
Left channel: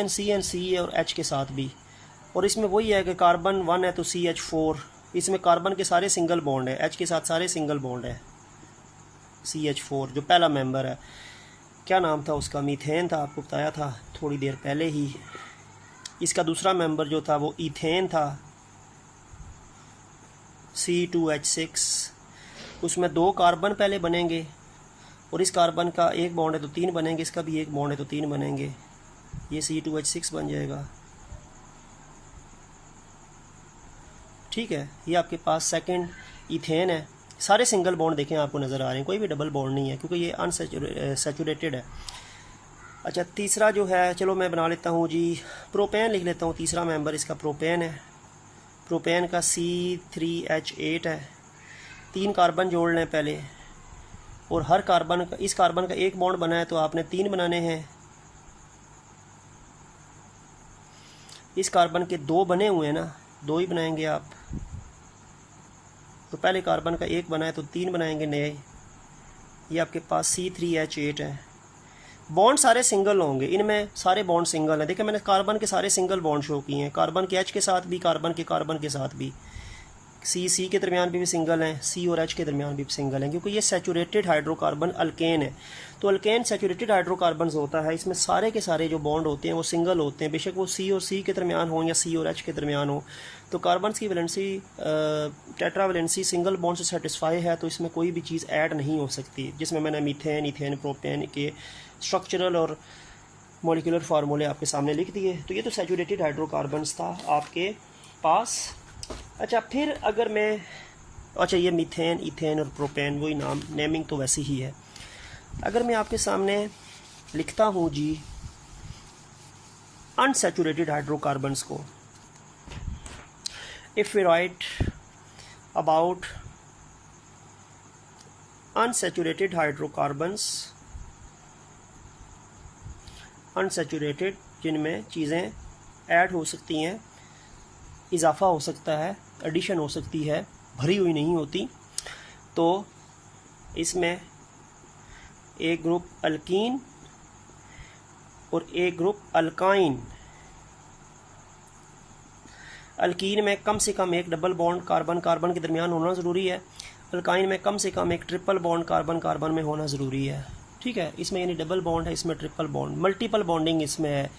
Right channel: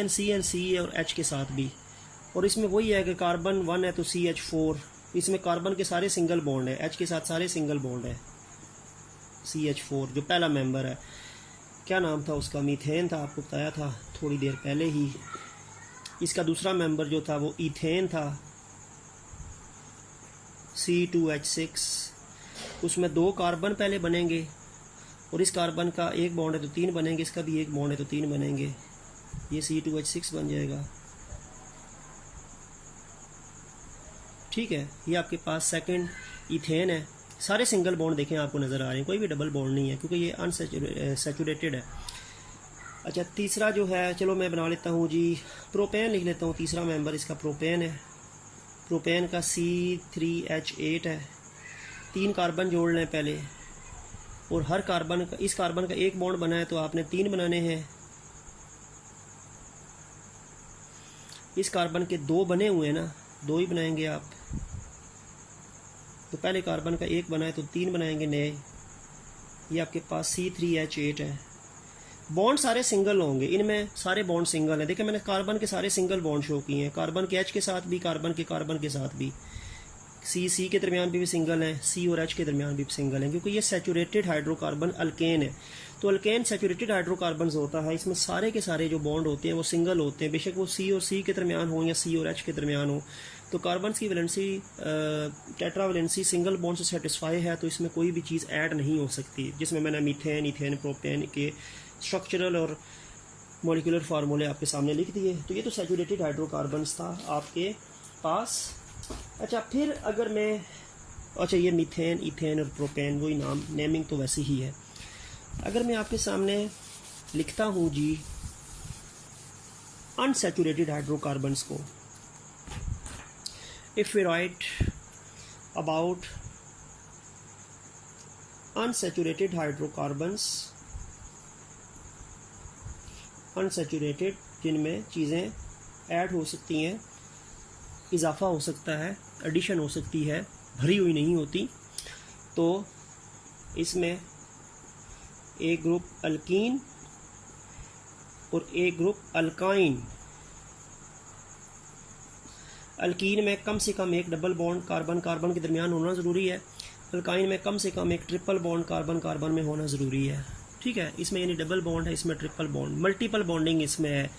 और एच के साथ भी, और इसमें वही है कि कार्बन 1 है तो CH4, इसमें कार्बन के सारे सिंगल बॉन्ड है, एच के साथ सारे सिंगल बॉन्ड है, CH4 जो पहला मेंबर है। क्या नाम था उसका? मीथेन था, आपको बताया था थोड़ी देर पहले ही। इसका दूसरा मेंबर जो था वो इथेन था, C2H6, उसमें 2 कार्बन पहले बनेंगे, और इस कार्बन का एक बॉन्ड है तो 3 बनेंगे, इसका भी एक बॉन्ड है तो 3 बनेंगे, ये C2H6 बन जाएगा। ठीक है, ये आपके पास सेकंड इथेन है। सारे सिंगल बॉन्ड देखें आपको नज़र आ रहे हैं, कोई भी डबल बॉन्ड नहीं है क्योंकि ये अनसैचुरेटेड है। अच्छा, तीसरा जो है, चलो मैं बना लेता हूँ जी, प्रोपेन लिख लेता हूँ। तीसरा मेंबर इसका प्रोपेन है। प्रोपेन का C3H8 है। 3 कार्बन जोड़ लें पहले, और हर कार्बन का, इस कार्बन का एक बॉन्ड बना है तो आपने 3 बनाने हैं। इस कार्बन के 2 बने हुए हैं ना, 2 ही बनाएंगे आप। तो पहले कार्बन का एक बना है तो 3 बनाएंगे नए। ये आपके पास C3H8 है। बॉन्ड सारे सिंगल होंगे, इनमें सारे बॉन्ड सिंगल हैं। देखिए मैंने कार्बन के सारे सिंगल बॉन्ड शो किए हैं, कार्बन के H के साथ भी, कार्बन के साथ भी। C के दरमियान भी सिंगल हैं, C और H के दरमियान भी सिंगल हैं, क्योंकि ये सैचुरेटेड हाइड्रोकार्बन अल्केन है। तो अल्केन सैचुरेटेड हाइड्रोकार्बन होता है, इसमें सारे के सारे जो बॉन्ड होते हैं वो सिंगल होते हैं, बेशक वो C और C के दरमियान हो या C और H के दरमियान हो। तो कार्बन की वैलेंसी टेट्रावैलेंसी सिंगल बॉन्ड से सेटिस्फाई है, तो इसमें कोई भी चीज़ ऐड नहीं हो सकती। जिसमें मैंने मीथेन, इथेन, प्रोपेन के स्ट्रक्चरल और मॉलिक्यूलर फार्मूले आपके सामने लिख दिए। तो ये तो सैचुरेटेड हाइड्रोकार्बन्स था आपके पास। अच्छा, फिर अगर मैं, अच्छा ये मीथेन, इथेन और प्रोपेन वही नाम, नेमिंग तो वैसी ही है। अगर मैं आपके सामने लिखता हूँ जी अनसैचुरेटेड हाइड्रोकार्बन्स को, if we write about unsaturated hydrocarbons, unsaturated जिनमें चीज़ें ऐड हो सकती हैं, इजाफा हो सकता है, एडिशन हो सकती है, भरी हुई नहीं होती, तो इसमें एक ग्रुप अल्कीन और एक ग्रुप अल्काइन। अल्कीन में कम से कम एक डबल बॉन्ड कार्बन कार्बन के दरमियान होना ज़रूरी है। अल्काइन में कम से कम एक ट्रिपल बॉन्ड कार्बन कार्बन में होना ज़रूरी है। ठीक है, इसमें यानी डबल बॉन्ड है, इसमें ट्रिपल बॉन्ड, मल्टीपल बॉन्डिंग इसमें है।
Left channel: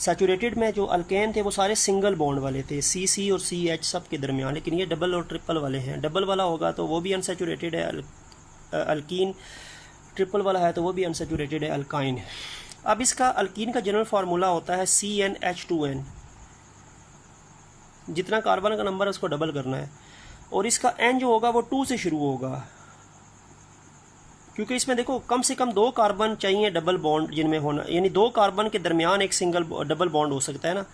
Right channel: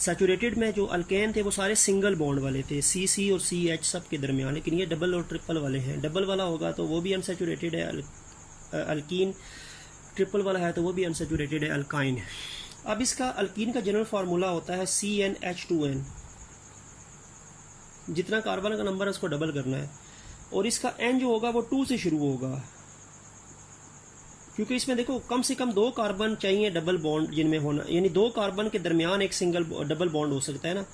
सैचुरेटेड में जो अल्केन थे वो सारे सिंगल बॉन्ड वाले थे, C और CH सब के दरमियान, लेकिन ये डबल और ट्रिपल वाले हैं। डबल वाला होगा तो वो भी अनसैचुरेटेड है अल्कीन, ट्रिपल वाला है तो वो भी अनसैचुरेटेड है अल्काइन। अब इसका अल्कीन का जनरल फार्मूला होता है CnH2n। जितना कार्बन का नंबर है उसको डबल करना है, और इसका N जो होगा वो 2 से शुरू होगा, क्योंकि इसमें देखो कम से कम 2 कार्बन चाहिए डबल बॉन्ड जिनमें होना, यानी 2 कार्बन के दरमियान एक सिंगल डबल बॉन्ड हो सकता है ना।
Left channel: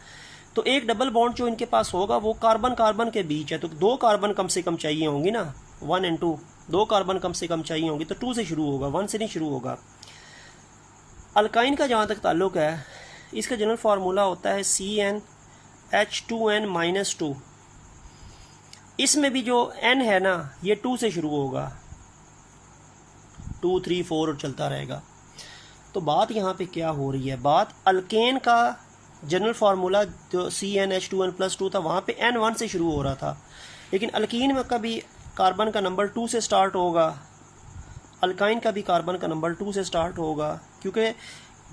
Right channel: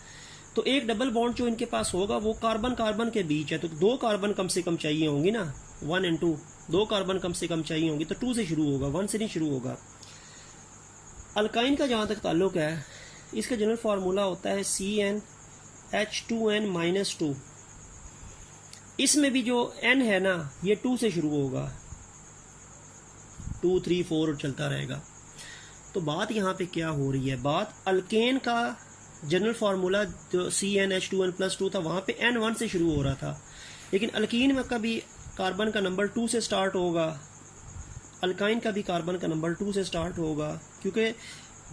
तो एक डबल बॉन्ड जो इनके पास होगा वो कार्बन कार्बन के बीच है, तो 2 कार्बन कम से कम चाहिए होंगी ना, 1 और 2, 2 कार्बन कम से कम चाहिए होंगी, तो 2 से शुरू होगा, 1 से नहीं शुरू होगा। अल्काइन का जहाँ तक ताल्लुक है, इसका जनरल फार्मूला होता है CnH2n-2। इसमें भी जो N है ना, ये 2 से शुरू होगा, 2, 3, 4 और चलता रहेगा। तो बात यहाँ पे क्या हो रही है, बात अल्केन का जनरल फार्मूला जो CnH2n+2 था, वहाँ पे N 1 से शुरू हो रहा था, लेकिन अल्कीन में कभी कार्बन का नंबर 2 से स्टार्ट होगा, अल्काइन का भी कार्बन का नंबर 2 से स्टार्ट होगा, क्योंकि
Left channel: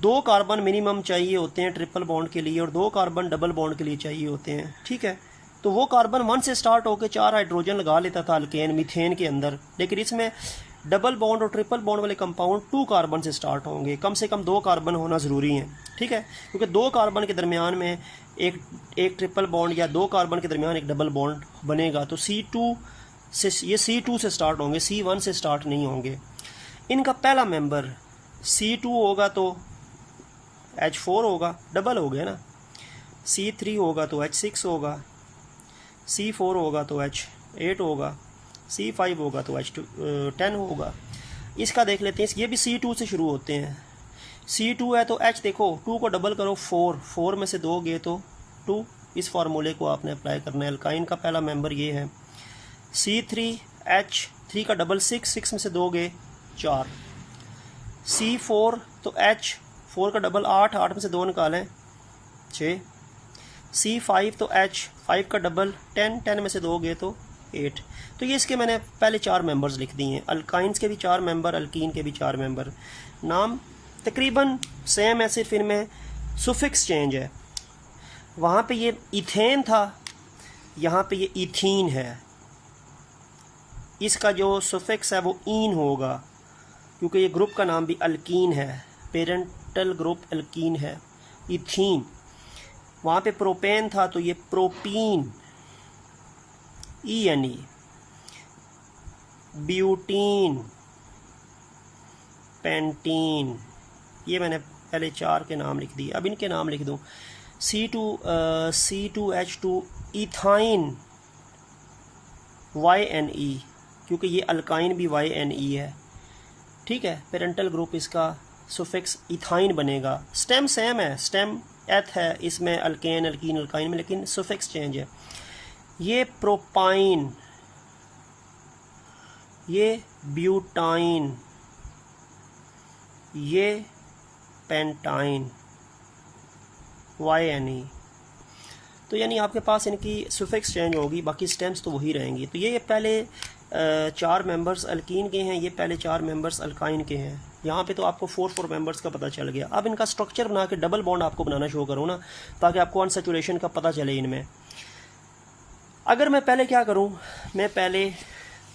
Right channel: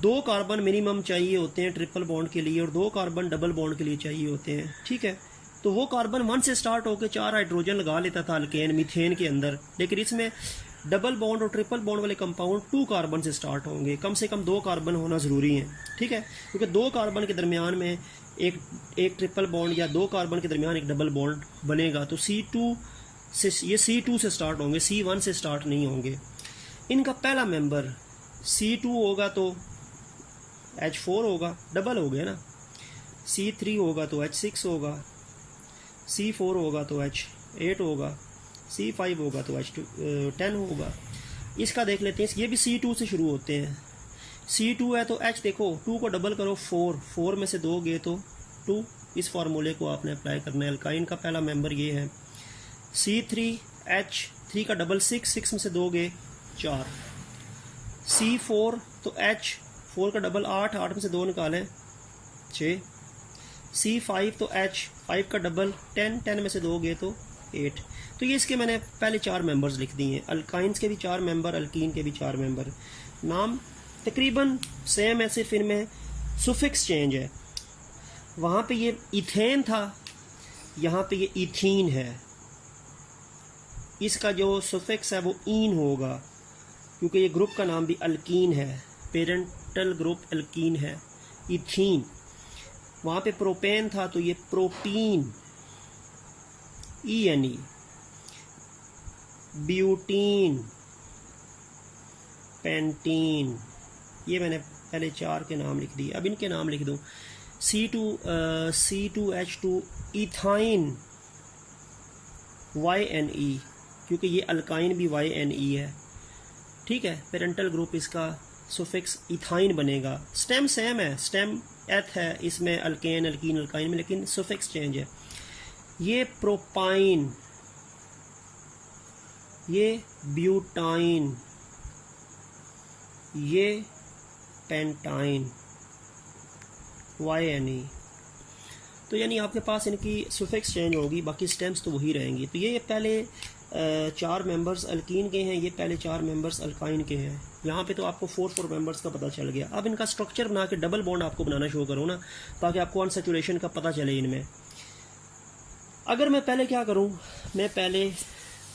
2 कार्बन मिनिमम चाहिए होते हैं ट्रिपल बॉन्ड के लिए और 2 कार्बन डबल बॉन्ड के लिए चाहिए होते हैं। ठीक है, तो वो कार्बन 1 से स्टार्ट होकर 4 हाइड्रोजन लगा लेता था अल्केन मीथेन के अंदर, लेकिन इसमें डबल बॉन्ड और ट्रिपल बॉन्ड वाले कंपाउंड 2 कार्बन से स्टार्ट होंगे, कम से कम 2 कार्बन होना ज़रूरी है। ठीक है, क्योंकि 2 कार्बन के दरमियान में एक ट्रिपल बॉन्ड या 2 कार्बन के दरमियान एक डबल बॉन्ड बनेगा, तो C2 से ये C2 से स्टार्ट होंगे, C1 से स्टार्ट नहीं होंगे। इनका पहला मेंबर C2 होगा तो H4 होगा, डबल हो गया ना, C3 होगा तो H6 होगा, C4 होगा तो H8 होगा, C5 होगा तो H10 होगा। इसका देख लेते हैं, ये भी C2 से शुरू होते हैं। C2 है तो H देखो 2 को डबल करो 4 में से 2 गए तो 2, इस फार्मूले को आपने अप्लाई करना है। अल्काइन का पहला मेंबर ये है। C3H3 का डबल 6 में से 2 गए 4, C4 तो H 4 का डबल 8, 8 में से 2 निकालें 6, C5 तो H, 5 का डबल 10, 10 में से 2 गए तो 8। तो ये इसके मैंने पहले 4 मेंबर्स लिख दिए हैं, अल्काइंस के भी 4 मेंबर, अल्कीन के भी 4 मेंबर। नाम तकरीबन सेम है, सिर्फ इनमें सुफिक्स चेंज है। वहाँ पे ये इथेन था, यहाँ पे ये इथीन है। इसका जो सुफिक्स है वो ईन होगा, क्योंकि ये ग्रुप का नाम भी अल्कीन है, पेरेंटल ग्रुप अल्कीन है, इथीन। वहाँ पे प्रोपेन था तो ये प्रोपीन, ENE। Butene, pentene. ये मैंने पहले 4 के नाम लिख दिए, अब इनके नाम लिख दो। C2H2 इथाइन, YNE, क्योंकि ये अल्काइन भी YNE है, ठीक है। पेरेंटल ग्रुप इसका सुफिक्स इथाइन बनेगा। स्टेम सेम है, स्टेम एथ है, इसमें अल्केन, अल्कीन, अल्काइन में, लेकिन सुफिक्स चेंज है। ये प्रोपाइन, ये ब्यूटाइन, ये पेंटाइन, YNE। तो यानी आपके पास इनकी सुफिक्स चेंज होगी, बाकी स्टेम्स तो वही रहेंगी। तो ये पहले 4 मेंबर्स अल्कीन के हैं, ये पहले 4 मेंबर्स अल्काइन के हैं। यहाँ पे तो आपको 4 मेंबर्स का पता चल गया। अब इनका स्ट्रक्चर बना के डबल बॉन्ड आपको बनाना शो करूँ ना, ताकि आपको अनसैचुरेशन का पता चले इनमें। अगर मैं पहले क्या करूँ, मैं पहले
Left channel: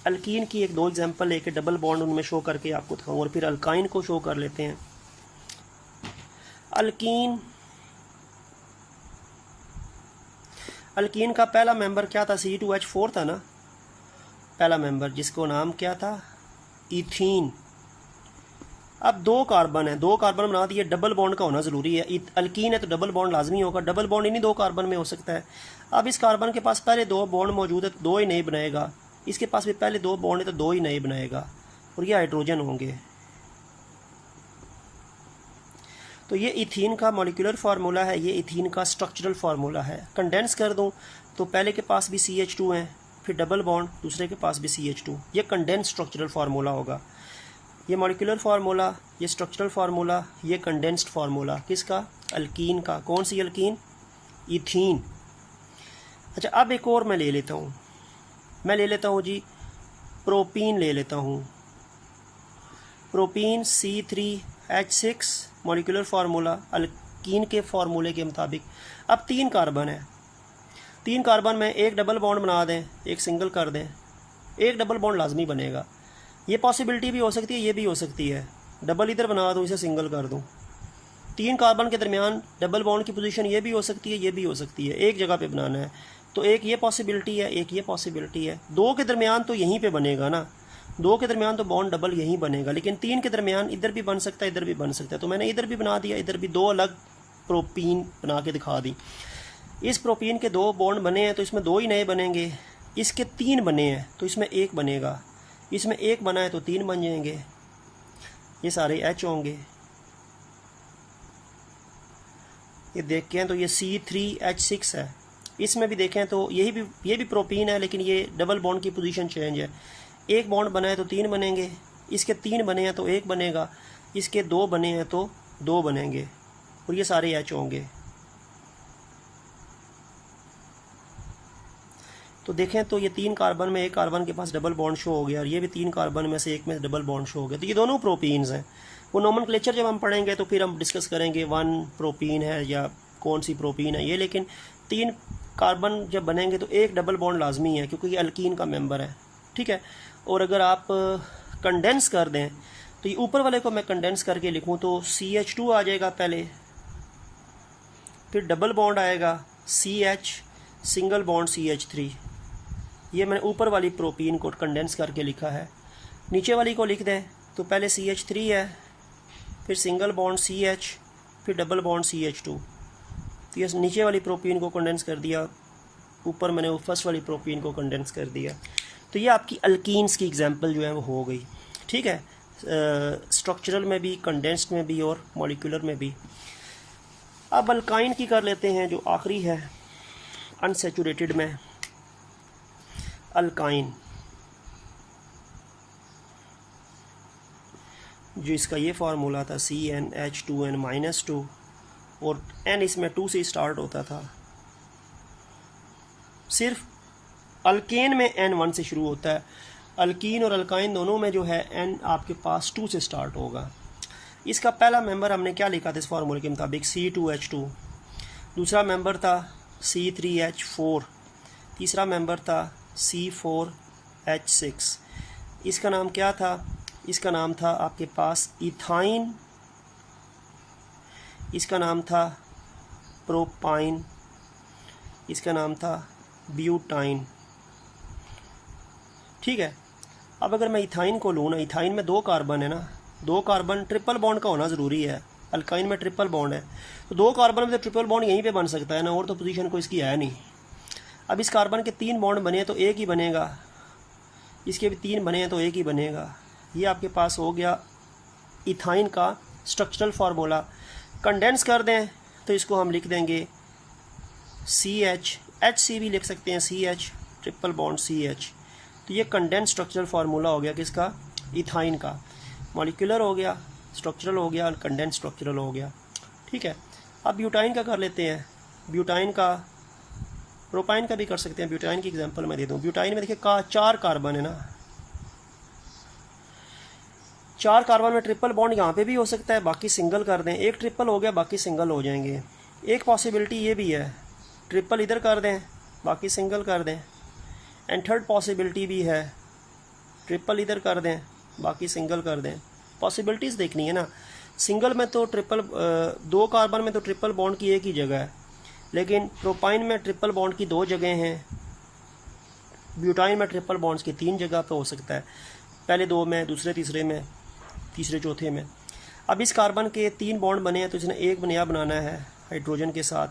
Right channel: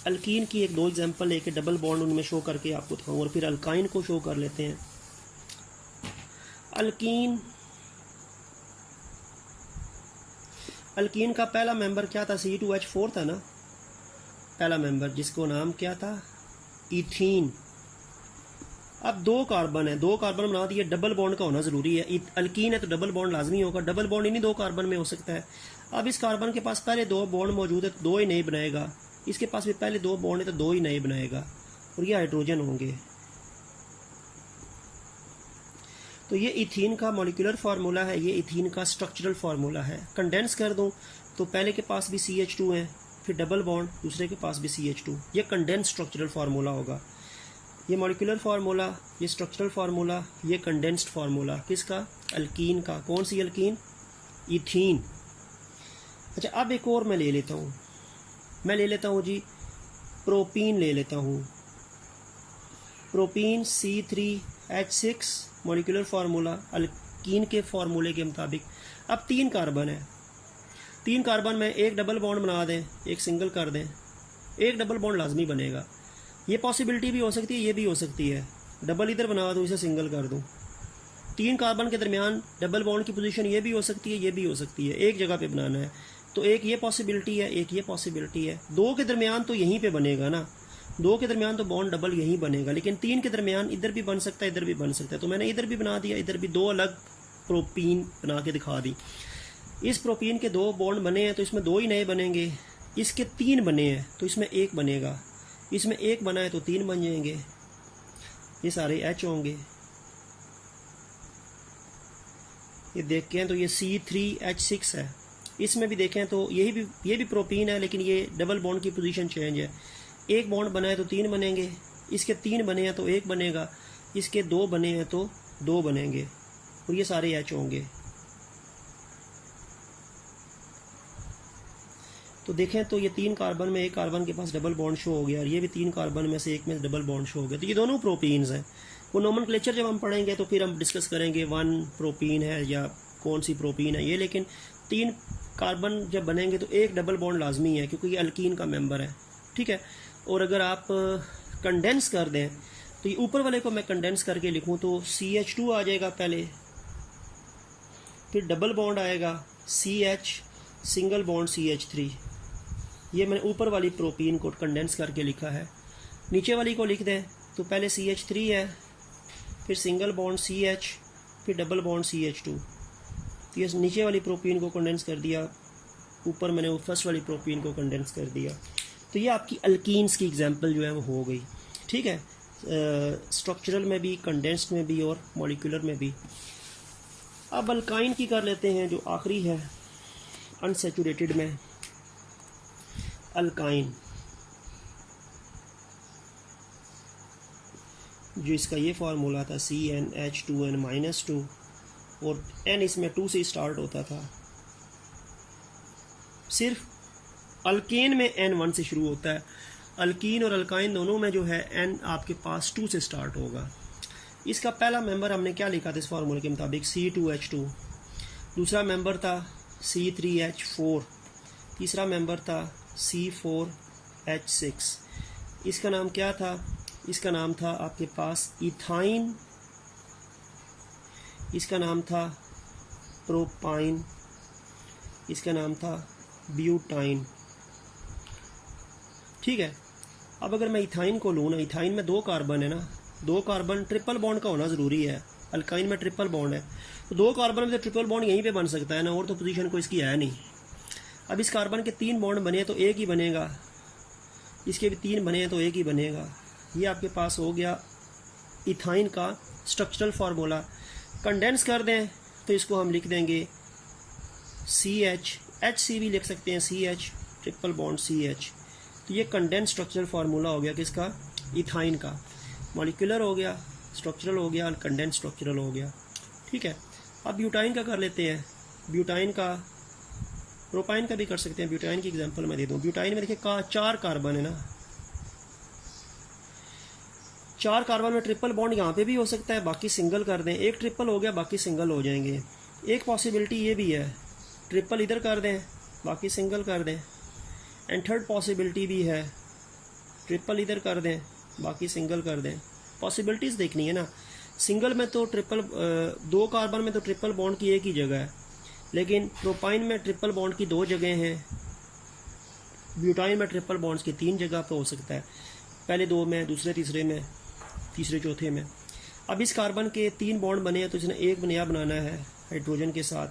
अल्कीन की 1-2 एग्जांपल लेके डबल बॉन्ड उनमें शो करके आपको दिखाऊँ, और फिर अल्काइन को शो कर लेते हैं। अल्कीन का पहला मेंबर क्या था, C2H4 था ना पहला मेंबर, जिसको नाम क्या था, इथीन। अब 2 कार्बन है, 2 कार्बन बना दिए, डबल बॉन्ड का होना ज़रूरी है। अल्कीन है तो डबल बॉन्ड लाजमी होगा, डबल बॉन्ड इन्हीं 2 कार्बन में हो सकता है। अब इस कार्बन के पास पहले 2 बॉन्ड मौजूद है तो 2 ही नहीं बनाएगा, इसके पास भी पहले 2 बॉन्ड है तो 2 ही नहीं बनाएगा, और ये हाइड्रोजन होंगे। तो ये इथीन का मॉलिक्यूलर फार्मूला है, ये इथीन का स्ट्रक्चरल फार्मूला है। कंडेंस कर दूं तो पहले के पास भी CH2 है, फिर डबल बॉन्ड, दूसरे के पास भी CH2। ये कंडेंस स्ट्रक्चरल फार्मूला होगा। ये मॉलिक्यूलर फार्मूला, ये स्ट्रक्चरल फार्मूला, ये कंडेंस्ड फार्मूला किसका, अल्कीन का। कौन सी अल्कीन, इथीन। अच्छा, अब एक और मैं ले लेता हूँ, मैं ले लेता हूँ जी प्रोपीन ले लेता हूँ। Propene C3H6 molecular formula alkyne के फार्मूले के मुताबिक। अब 3 कार्बन है, 3 कार्बन में एक डबल बॉन्ड बना दें, एक सिंगल कर दें, एक डबल बॉन्ड लाजमी बनेगा। ये पॉसिबिलिटी भी हो सकती है, ये भी हो सकती है, डबल इधर बना दूँ, इसे सिंगल कर दूँ। 3 कार्बन के दरमियान डबल बॉन्ड की पोजीशन ये भी हो सकती है, ये भी हो सकती है, एक जगह पे बनाना है तो एक ये पॉसिबिलिटी है, एक ये पॉसिबिलिटी है। 2 के दरमियान तो यहीं पे बनेगा ना, 2 के दरमियान तो बॉन्ड डबल यहीं बनेगा, लेकिन 3 के दरमियान इधर भी बन सकता है, इधर भी बन सकता है। तो मैंने इधर भी बना दिया, इधर भी 2 अलग प्रोपीन बना के दिखा दी। इस प्रोपीन के 2 बॉन्ड बने हैं तो इसमें 2 ही नए बनेंगे, इसके 3 बने हैं तो इसमें 1 बनेगा, इसमें 1 बना है तो 3 बन जाएंगे, ये सारे H होंगे। ये देखें तो ये C3H6 है, इसमें भी देखें तो ये भी प्रोपीन है, लेकिन ये डबल बॉन्ड की पोजीशन चेंज है। 1 बॉन्ड बना है तो 3 बनेंगे, इसके 3 बने हैं तो 1 बनेगा, इसके 2 बने हैं तो 2 बनेंगे, और ये सारे H होंगे। तो देखें तो ये 3 कार्बन में एक कार्बन के पास डबल बॉन्ड शो हो गया, और ये भी 3 कार्बन में से एक में डबल बॉन्ड शो हो गया। तो ये दोनों प्रोपीन्स हैं। वो नोमेनक्लेचर जब हम पढ़ेंगे तो फिर हम डिस्कस करेंगे 1 प्रोपीन है या कौन सी प्रोपीन है ये, लेकिन 3 कार्बन जब बनेंगे तो एक डबल बॉन्ड लाजमी है, क्योंकि ये अल्कीन का मेंबर है, ठीक है। और अगर आप कंडेंस कर दें तो ये ऊपर वाले को मैं कंडेंस करके लिखूं तो CH2 आ जाएगा पहले, फिर डबल बॉन्ड आएगा CH, सिंगल बॉन्ड CH3। ये मैंने ऊपर वाली प्रोपीन को कंडेंस करके लिखा है। नीचे वाली को लिख दें तो पहले CH3 है, फिर सिंगल बॉन्ड CH, फिर डबल बॉन्ड CH2। तो ये नीचे वाली प्रोपीन को कंडेंस कर दिया, ऊपर मैंने वो फर्स्ट वाली प्रोपीन को कंडेंस कर दिया। तो ये आपकी अल्कीन्स की एग्जांपल जो है वो हो गई, ठीक है, स्ट्रक्चरल में भी, कंडेंस्ड में भी और मॉलिक्यूलर में भी। अब अल्काइन की कर लेते हैं, जो आखिरी है अनसैचुरेटेड में, अल्काइन। जो इसका ये फार्मूला था CnH2n-2 और n इसमें 2 से स्टार्ट होता था। सिर्फ अल्केन में n 1 से शुरू होता है, अल्कीन और अल्काइन दोनों में जो है n आपके पास 2 से स्टार्ट होगा। इसका पहला मेंबर हमने क्या लिखा था इस फार्मूले के मुताबिक C2H2, दूसरा मेंबर था C3H4, तीसरा मेंबर था C4H6। इसका नाम क्या था? इसका नाम था आपके पास इथाइन, इसका नाम था प्रोपाइन, इसका नाम था ब्यूटाइन। ठीक है, अब अगर मैं इथाइन को लूँ ना, इथाइन में 2 कार्बन है ना, 2 कार्बन ट्रिपल बॉन्ड का होना ज़रूरी है। अल्काइन में ट्रिपल बॉन्ड है तो 2 कार्बन में तो ट्रिपल बॉन्ड यहीं पे बन सकता है ना, और तो पोजीशन कोई इसकी है नहीं। अब इस कार्बन के 3 बॉन्ड बने तो एक ही बनेगा, इसके भी 3 बने हैं तो एक ही बनेगा। ये आपके पास हो गया इथाइन का स्ट्रक्चरल फार्मूला। कंडेंस कर दें तो इसको हम लिख देंगे CH, HC भी लिख सकते हैं, CH ट्रिपल बॉन्ड CH। तो ये कंडेंस स्ट्रक्चरल फार्मूला हो गया किसका? इथाइन का। मॉलिक्यूलर हो गया, स्ट्रक्चरल हो गया, कंडेंस स्ट्रक्चरल हो गया। ठीक है, अब ब्यूटाइन का कर लेते हैं। ब्यूटाइन का, प्रोपाइन का भी कर सकते हैं। ब्यूटाइन की एग्जांपल मैं दे दूं। ब्यूटाइन में देखिए 4 कार्बन है ना, 4 कार्बन में ट्रिपल बॉन्ड यहाँ पे भी हो सकता है, बाकी सिंगल कर दें। एक ट्रिपल हो गया, बाकी सिंगल हो जाएंगे। एक पॉसिबिलिटी ये भी है, ट्रिपल इधर कर दें, बाकी सिंगल कर दें। एंड थर्ड पॉसिबिलिटी भी है, ट्रिपल इधर कर दें, बाकी सिंगल कर दें। पॉसिबिलिटीज़ देखनी है ना। सिंगल में तो ट्रिपल, 2 कार्बन में तो ट्रिपल बॉन्ड की एक ही जगह है, लेकिन प्रोपाइन में ट्रिपल बॉन्ड की 2 जगह हैं, ब्यूटाइन में ट्रिपल बॉन्ड्स की 3 जगह पे हो सकता है, पहले 2 में, दूसरे तीसरे में, तीसरे चौथे में। अब इस कार्बन के 3 बॉन्ड बने हैं तो इसने एक नया बनाना है हाइड्रोजन के साथ।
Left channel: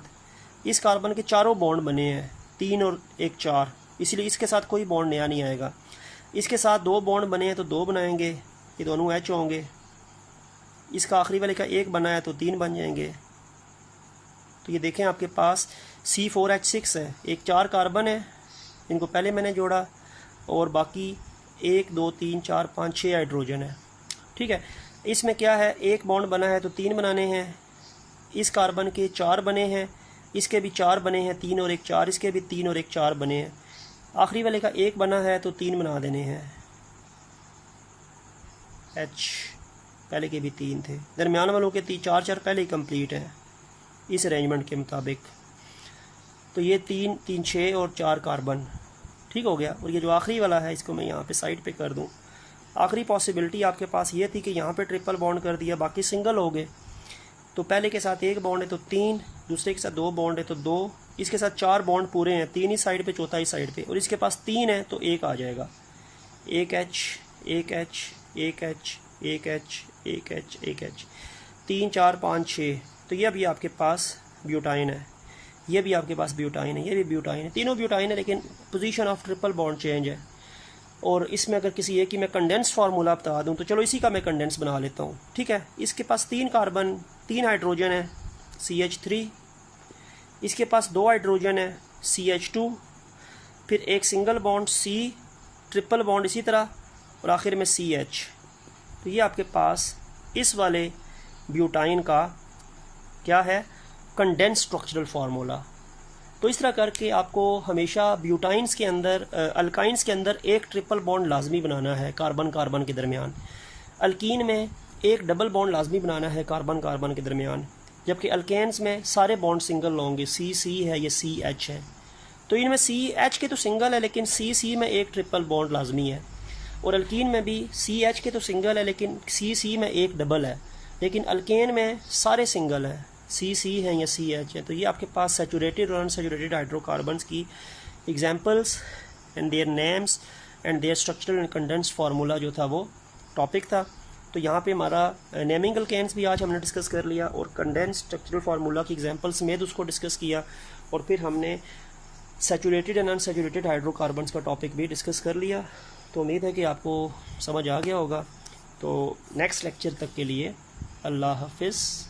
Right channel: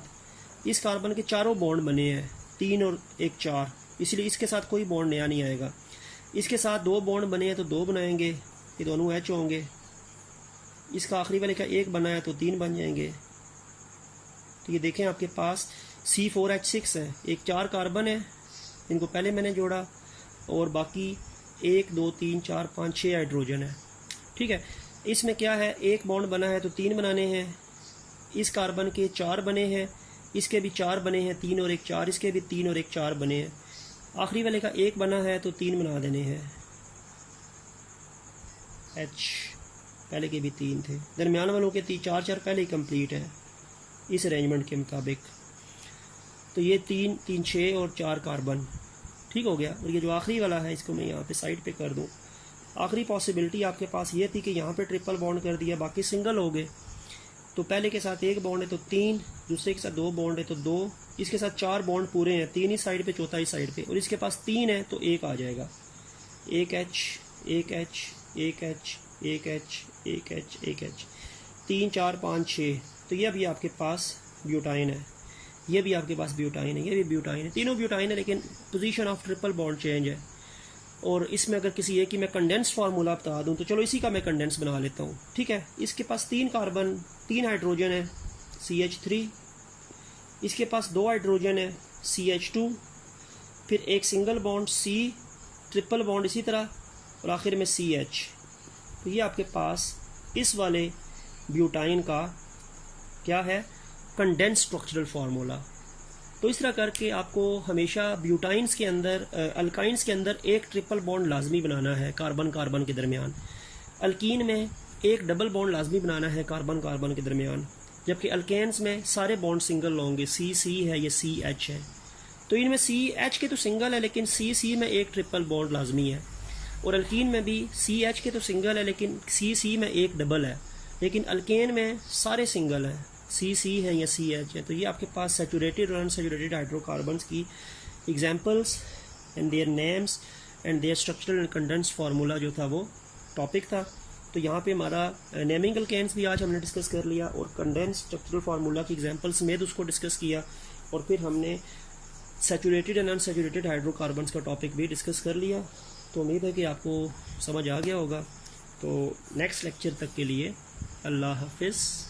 इस कार्बन के 4 बॉन्ड बने हैं, 3 और 1 4, इसलिए इसके साथ कोई बॉन्ड नया नहीं आएगा। इसके साथ 2 बॉन्ड बने हैं तो 2 बनाएंगे, ये दोनों H होंगे। इसका आखिरी वाले का 1 बना है तो 3 बन जाएंगे। तो ये देखें आपके पास C4H6 है, एक 4 कार्बन है, इनको पहले मैंने जोड़ा, और बाकी 1 2 3 4 5 6 हाइड्रोजन है। ठीक है, इसमें क्या है, 1 बॉन्ड बना है तो 3 बनाने हैं। इस कार्बन के 4 बने हैं, इसके भी 4 बने हैं, 3 और 1 4, इसके भी 3 और 1 4 बने हैं। आखिरी वाले का 1 बना है तो 3 बना देने हैं। H पहले के भी 3 थे, दरमियान वालों के 4 4 पहले ही कंप्लीट है इस अरेंजमेंट के मुताबिक। तो ये 3 3 6 और 4 कार्बन ठीक हो गया। और ये जो आखिरी वाला है इसको मैं यहाँ पे साइड पे कर दूँ। आखिरी पॉसिबिलिटी आपके पास ये थी कि यहाँ पे ट्रिपल बॉन्ड कर दिया, बाकी सिंगल हो गए। तो पहले के साथ 1 बॉन्ड है तो 3, दूसरे के साथ 2 बॉन्ड है तो 2, इसके साथ 4 बॉन्ड पूरे हैं, 3 इस साइड पे, चौथा इस साइड पे, और इसके पास 3 है तो 1 आ जाएगा। 1 H 1 H 1 H 1 H 1 H 1 H 3 4 5 6। तो ये भी आपके पास ब्यूटाइन है, ये भी आपके पास ब्यूटाइन है, ये भी ब्यूटाइन है, तीनों ब्यूटाइन है, लेकिन position of triple bond change है। और इसमें अगर किसी एक की मैं कंडेंस फार्मूला बता दूं तो चलो इसी का मैं कंडेंस बना लेता हूँ। ठीक है, इसके पास 3 कार्बन 3 हाइड्रोजन है CH3, इसके पास 2 हाइड्रोजन है CH2, फिर एक single bond C, triple bond इसी तरह, और आखिर में CH। तो ये आपके पास इस वाले ब्यूटाइन का क्या है, कंडेंस स्ट्रक्चरल फार्मूला। तो इस तरह करके आपको हमेशा ब्यूटाइंस के अंदर, अल्काइंस के अंदर एक ट्रिपल बॉन्ड लाजमी बनाना है कार्बन कार्बन के दरमियान। अल्कीन में एक डबल बॉन्ड लाजमी बनाना है कार्बन कार्बन के दरमियान, जबकि अल्केन्स में सारे बॉन्ड सिंगल होंगे। C है, ये CH है। तो इनमें CH के तो सिंगल है, लेकिन C में एक ट्रिपल बॉन्ड लाजमी है। और अल्कीन में भी CH के तो सिंगल है, लेकिन C में एक डबल है। लेकिन अल्केन में सारे सिंगल है, C है या CH है। तो ये आपके पास सैचुरेटेड और अनसैचुरेटेड हाइड्रोकार्बन्स की examples and their names and their structural and condense formula जो था वो टॉपिक था। तो यहाँ पे हमारा नेमिंग अल्केन्स भी आज हमने डिस्कस कर लिया, और कंडेंस स्ट्रक्चरल फार्मूला की एग्जांपल समेत उसको डिस्कस किया, और फिर हमने सैचुरेटेड एंड अनसैचुरेटेड हाइड्रोकार्बन्स का टॉपिक भी डिस्कस कर लिया। तो उम्मीद है कि आपको समझ आ गया होगा। तो नेक्स्ट लेक्चर तक के लिए अल्लाह हाफिज़।